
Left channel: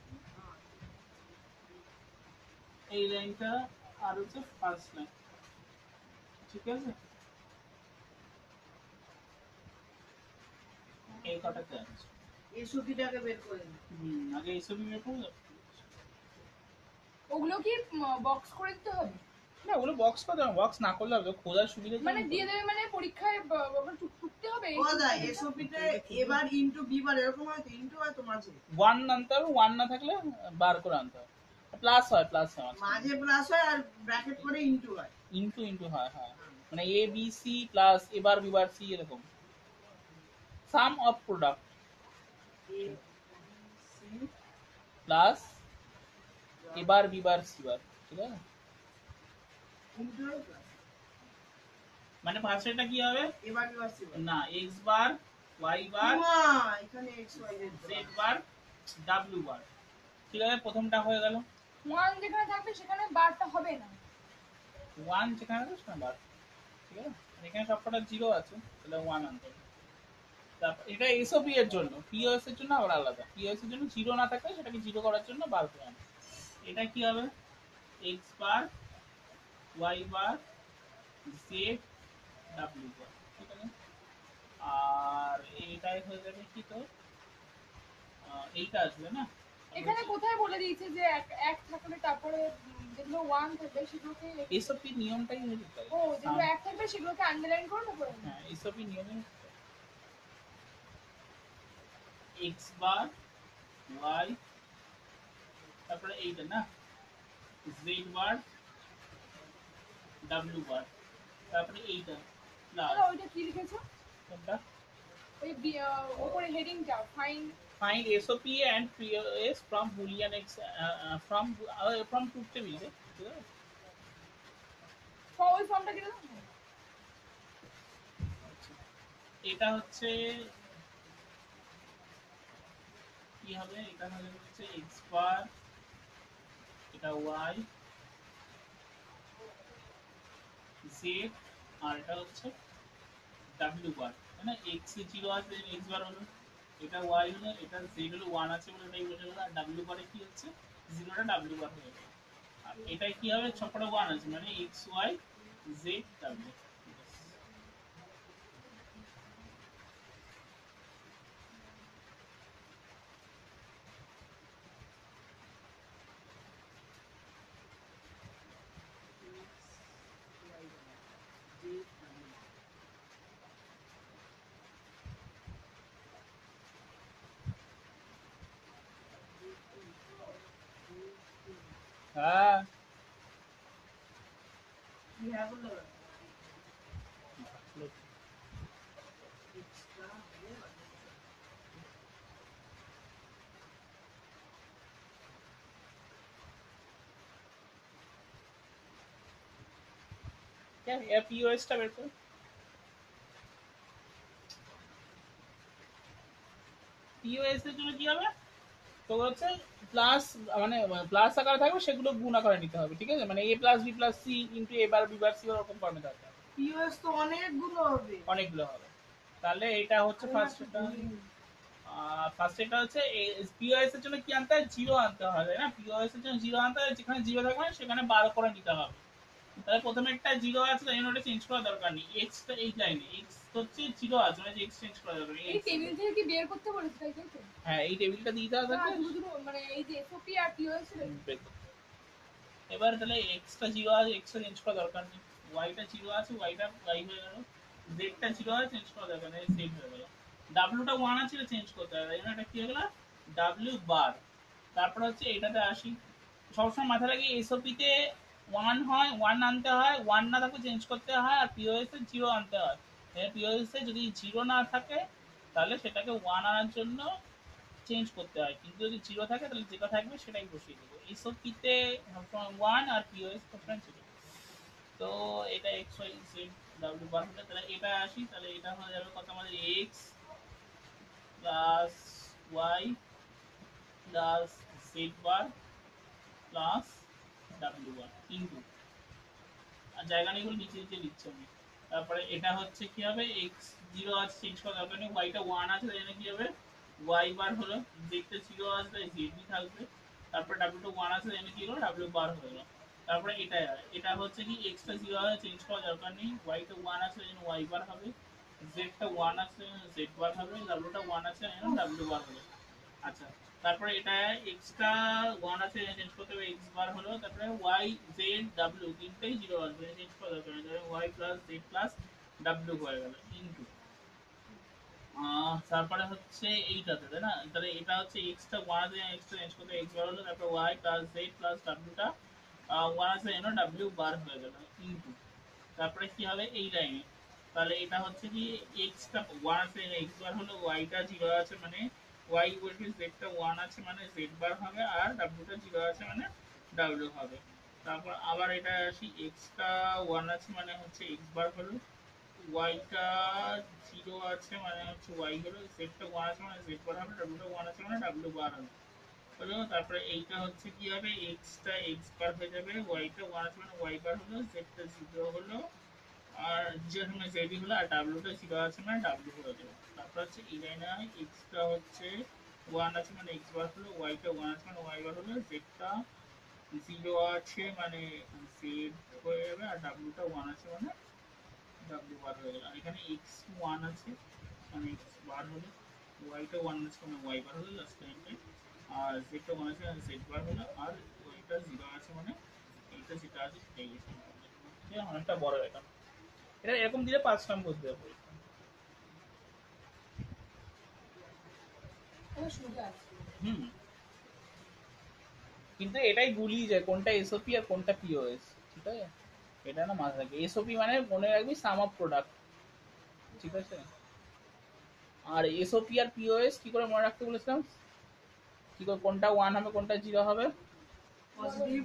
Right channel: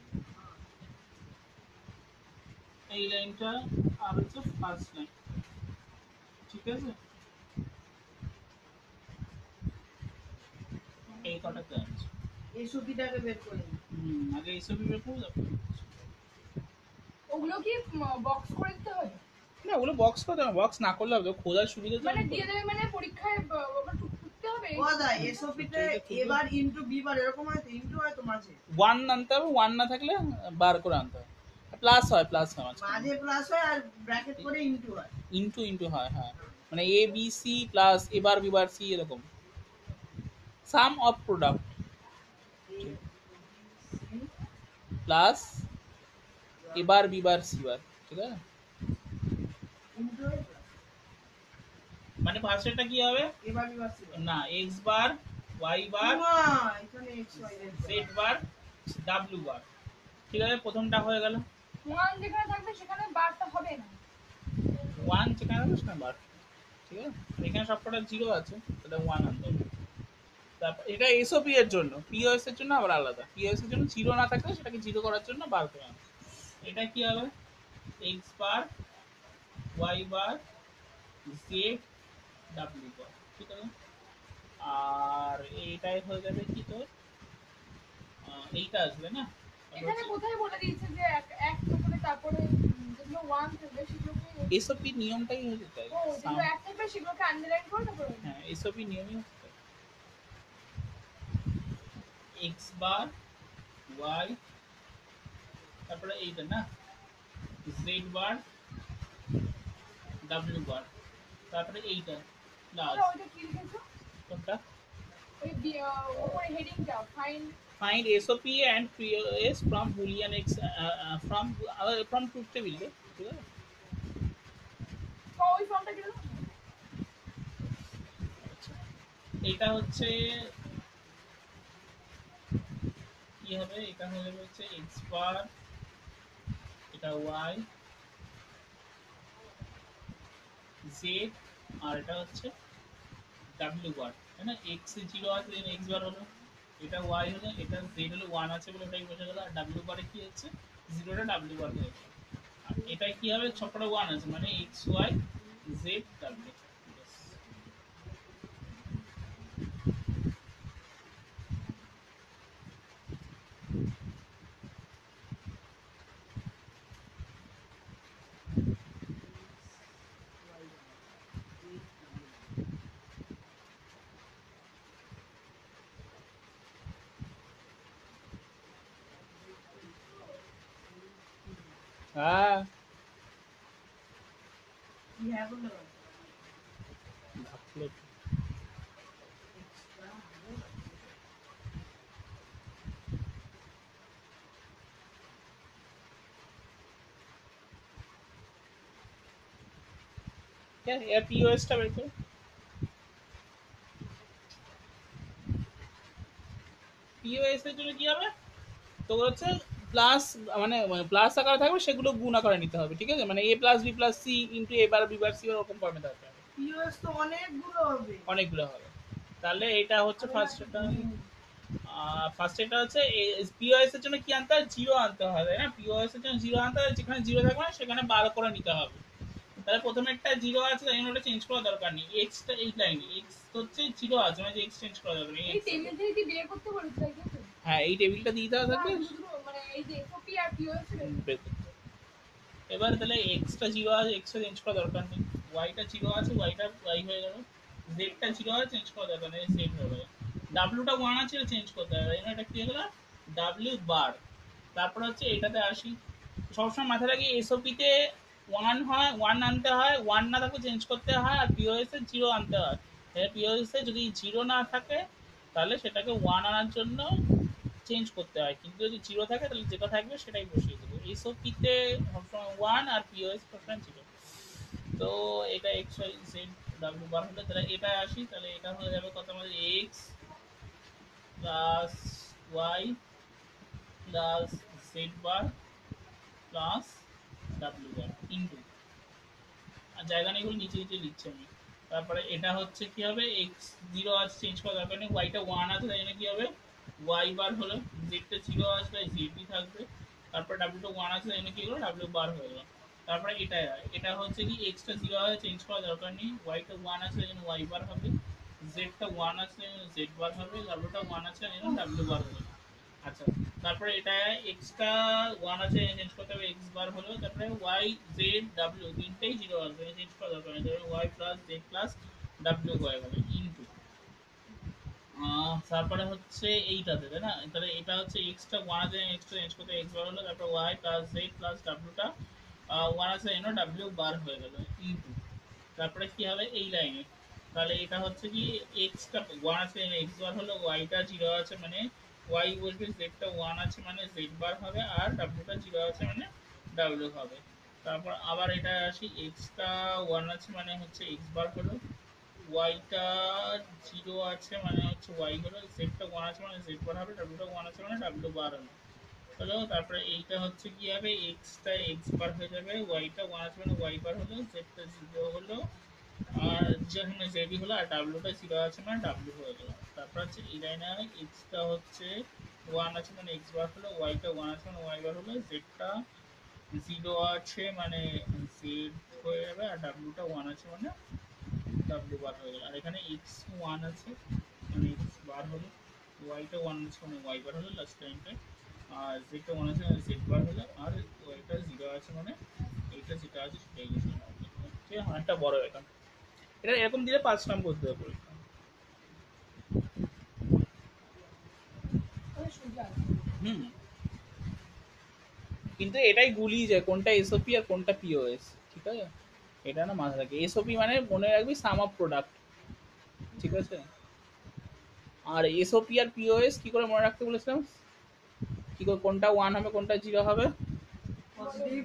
এই লাইনটা আর হচ্ছে ফার্স্ট লাইন ঠিক আছে এই কটাতে আছে এই সুতিটাকে বের করে নি। আগে এইসবই বের করবো তারপর। ওগুলো কি বক্স করে দিতে হবে? না ওগুলো বক্স করতে হবে বক্স না করলে হবে খোঁজার সুবিধা মানে দিয়ে দেবে মানে পরীক্ষায় টুকতে হবে? ও দা এসওপিতে এবার ইনটু বি বার এরকম হয় তো, ইনটু হয় তো মাঝে 1 আনতে হবে 1 না থাকলে বার করে আনতে হবে প্লাস হয় মাঝে প্লাস হয় আর ব্র্যাকেট করে ইনটু হয়। ইনটু হয় হ্যাঁ মানে A B C plus A bar B bar C এরকম sum of product A C plus A bar B bar C bar ঠিক আছে ইনটু হয় plus। মানে পাশেরটা কি হবে এবার এবার সি না এক্স বার ওয়াই বার মা এখানে x Y Z bar W বার ঠিক আছে প্রথমটা হয়ে গেল 1 যেখানে থাকবে সেখানে বারটা হবে না। 1 যেখানে আছে সেখানে বার ঠিক আছে এখানে সবকটা 0 আছে তাহলে 1 আনতে হবে তারপর এটা এসওপি এর জন্য পিওএস এর জন্য আবার আলাদা পিওএস এর জন্য 0 না থাকলে সেটাকে 0 করার জন্য বার করে আনতে এটা কি হবে x bar y bar Z W বার ঠিক আছে আর এইটাই হয়ে যাবে কি তোর এইটা আসবে না এখানে কোথায় বলে দিয়েছে যে এক থাকবে তারপরে যেগুলো 1 থাকবে সেগুলোকে এসওপি নিয়মটাই হচ্ছে তাই ও যেগুলো 1 থাকবে সেগুলোকে আন্ডারলাইন করে তারপরে হ্যাঁ এসওপি নিয়মই হচ্ছে তাই এক্স বার ওয়াই তারপরে এইটা না জেড বার ডাব্লিউ বার তারপরে এইটা প্লাস ওইটা কি লিখেছো? কোনটা ওই উপরে হেডিংটা find SOP and POS from boolean x from truth table ঠিক আছে ওই ফর্মটা কি লিখেছো? এটা হচ্ছে কি কি হবে, এটা হয়ে যাবে হচ্ছে এক্স বার, এটা ওয়াই জেড, আর এটা হচ্ছে ডাব্লিউ বার, তাই না? এক্স এ 0 আছে, এক্স বার হলো, এটা ওয়াই হলো, এটা জেড হলো 1 আছে বলে ওটাই বোঝা গেল, আর ডাব্লিউ বারে কি হচ্ছে 0টা ডাব্লিউ বার হয়ে গেল। আর এটাই কি হবে, সবকটা 1 আছে মানে এক্স ওয়াই জেড ডাব্লিউ। হ্যাঁ কি হ্যাঁ বললে বলো? Extra হবে না। এর পিওএস টা বের করো। পিওএস এর জন্য কি হবে, তো হচ্ছে প্লাস, মানে প্লাস আকারে থাকবে সেগুলো গুণ আকারে নিতে হবে, ঠিক আছে? মানে a plus B plus C into a bar B bar C এরকম ফর্মে থাকবে, POS তো অনেকগুলো হবে। অনেকগুলো হবে। তাহলে এটা হচ্ছে ফার্স্ট, এটা ফার্স্ট এটা হচ্ছে পিওএস এর জন্য কি আনতে হয়, 0 আনতে হবে, না? পিওএস এর জন্য 0 আনতে হয়, যেখানে 0 থাকবে না সেখানে 12 করে নিতে হবে। তাহলে প্রথমে একটা 0 আছে, তাই জন্য ওটা চেঞ্জ করার দরকার নেই। x টা এই লাইনে x হচ্ছে 0 আছে, মানে x চেঞ্জ করার দরকার নেই। এই টেবিল থেকে কি বের করতে বলেছে, তাই তো? হ্যাঁ, এই টেবিলটা দিয়ে দেওয়া থাকবে, মানে এই যে এসওপি আর পিওএস এর বের করতে হবে। এবার তাহলে x টা 0 আছে, x টা চেঞ্জ করার দরকার নেই। y টা 0 আছে, y টা y হয়ে গেল। z টা 0 আছে, চেঞ্জ করার দরকার নেই, z হয়ে গেল। w টা 1 আছে, চেঞ্জ করতে হবে, এখানে এটা কি হয়ে গেল, w বার। তারপর হচ্ছে এটাতে আসি, সবসময় মাথায় রাখি এসওপি তে 1 হয়, 1 আনতে হয়, 1 না থাকলে চেঞ্জ করতে হয়, আর পিওএস এ 0 আনতে হয়। পিওএস এ যদি 0 না থাকে তাহলে সেটাকে 1 আনার জন্য চেঞ্জ করতে হয়, কিন্তু যদি 0 থাকে তাহলে যেটা থাকবে সেটাই বসিয়ে দেবো। এসওপি তে 1 আর পিওএস সবসময় 0। তো এটা এক্স ওয়াই জেড ডাব্লিউ বার হলে, তাহলে এটা আসি, তাহলে এটা হয়ে যাবে কত আমাদের, X plus Y plus Z bar plus W bar into, আর জায়গা নেই বলে নিচে নিচে লিখছি আমি। তারপরে এটা হচ্ছে কি হবে, এক্স 0 আছে, চেঞ্জ করার দরকার নেই, ওয়াইটা 1 আছে, তাই জন্য কি হবে ওয়াই বার হলো, জেডটা 0 আছে তাই জেডই থাকবে, তারপর ডাব্লিউটা 1 আছে, তাই জন্য কি হলো ডাব্লিউ বার হয়ে গেল। তারপরে এটা হচ্ছে কি এক্সটা 0 আছে, চেঞ্জ করার দরকার নেই, ওয়াইটা 1 আছে, তাই জন্য ওয়াই বার হবে, জেডটা 1 আছে, জেড বার হবে, ডাব্লিউটা 1 আছে, তাই জন্য ডাব্লিউ বার হবে। আচ্ছা, তারপরে এটা এক্সট্রা 1 আছে, চেঞ্জ করতে হবে, এক্স বার হলো, তারপরে ওয়াই জেড ডাব্লিউ তিনটেই 0 আসবে, চেঞ্জ করা দরকার নেই, তাহলে Y plus Z plus W হয়ে গেল ইনটু, তারপরে হচ্ছে এইটাতে, তাই না? তাহলে এটা হচ্ছে এক্সট্রা 1 আছে, এক্সট্রা চেঞ্জ করতে এক্স বার হলো, তারপরে ওয়াই প্লাস জেড প্লাস ডাব্লিউটা 1 আছে, এন ডাব্লিউ বার হয়ে গেল ইনটু, তারপরে কি হবে এই লাইনে, তাহলে এটা হচ্ছে কি এক্সটা 1 আছে, এক্স বার হলো, ওয়াইটা 0 আছে মানে ওয়াই বলতে জেডটা 1 আছে মানে জেড বার হবে, আর ডাব্লিউটা 0 আছে মানে ডাব্লিউ হবে। তারপর আবার এটা আসি, এক্সটা 1 আছে মানে হচ্ছে এক্স বার হলো, ওয়াইটা 0 আছে মানে হচ্ছে ওয়াই হলো, জেডটা 1 আছে মানে জেড বার হবে, ডাব্লিউটা 1 আছে মানে ডাব্লিউ বার হলো। হলো তারপরে এইটা হচ্ছে কি হবে, এক্সটা এক্স বার হয়ে যাবে, ওয়াইটা 1 আছে মানে ওয়াই বার হলো, জেডটা 0 হলো, আর যেখানে জেডি হলো, আর ডাব্লিউটা 0 আছে মানে ডাব্লিউ হয়ে গেল। তারপর হচ্ছে এই লাইনে এক্সটা হচ্ছে 1 আছে মানে এক্স বার হলো, ওয়াইটা 1 আছে মানে ওয়াই বার হলো, জেডটা 0 আছে মানে জেড হয়ে যাবে, আর ডাব্লিউটা 1 আছে মানে ডাব্লিউ বার হয়ে গেল। আর এখানে এক্স 1 আছে মানে এক্স বার হলো, ওয়াইটা 1 আছে মানে ওয়াই বার হলো লাস্ট লাইনটায়, আর জেডটা 1 আছে মানে জেড বার হলো, আর ওয়াইটা 0 আছে মানে এইটা যেটা আছে সেটাই গেছে। ঠিক আছে, অনেকটা বড় এটা, এটা এরকম দিলে 5 নম্বর দেবে পরীক্ষা। ওটা সোজা। হুম, কিন্তু এটাই গুলিয়ে যায় কোনটা এসওপি আর কোনটা পিওএস, ঠিক আছে? এটা না মাথায় রাখবে, এসওপি মানে মনে রাখবি সাম অফ প্রোডাক্ট, ঠিক আছে? আর এসওপি আর পিওএস কি করে মনে রাখতে বলেছিলাম, কি করে কোনটা 1 হবে কোনটা 0 হবে, পজিটিভ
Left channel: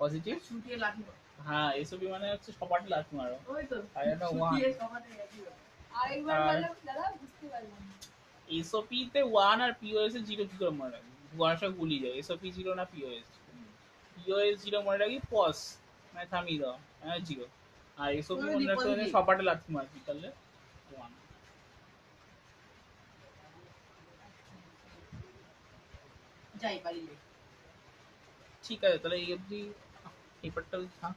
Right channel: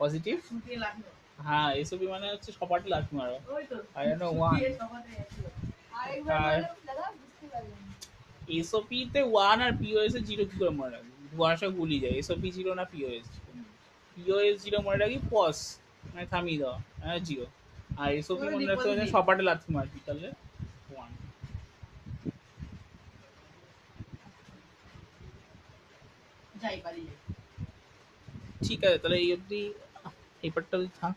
পজিটিভ, শুটিয়ে লাগানো। হ্যাঁ এসওপি মানে হচ্ছে সপাটে লাথি মারো, ওই তো আর এটা 1 শুটিয়ে সবাতে একই ব্যাপার। আরেকবার বললাম দাদা বুঝতে পারলাম না। এসওপি তে 1 আর পিওএস এ 0 কি করে মনে রাখবি? ওয়ানের সঙ্গে গুলিয়ে যায়, এসওপি 0 না পিওএস। পিওএস 0 মনে রাখবি, পজ মানে থামিয়ে দেওয়া, হ্যাঁ 0। আর এসওপি ওই মনে রাখতে বিপরীত হলে দিক। সপাটে লাথি মারবি, তাহলে 1। যাই পারি যাই। ঠিক আছে, তাহলে এই অবধি এই পার্টটা থাক।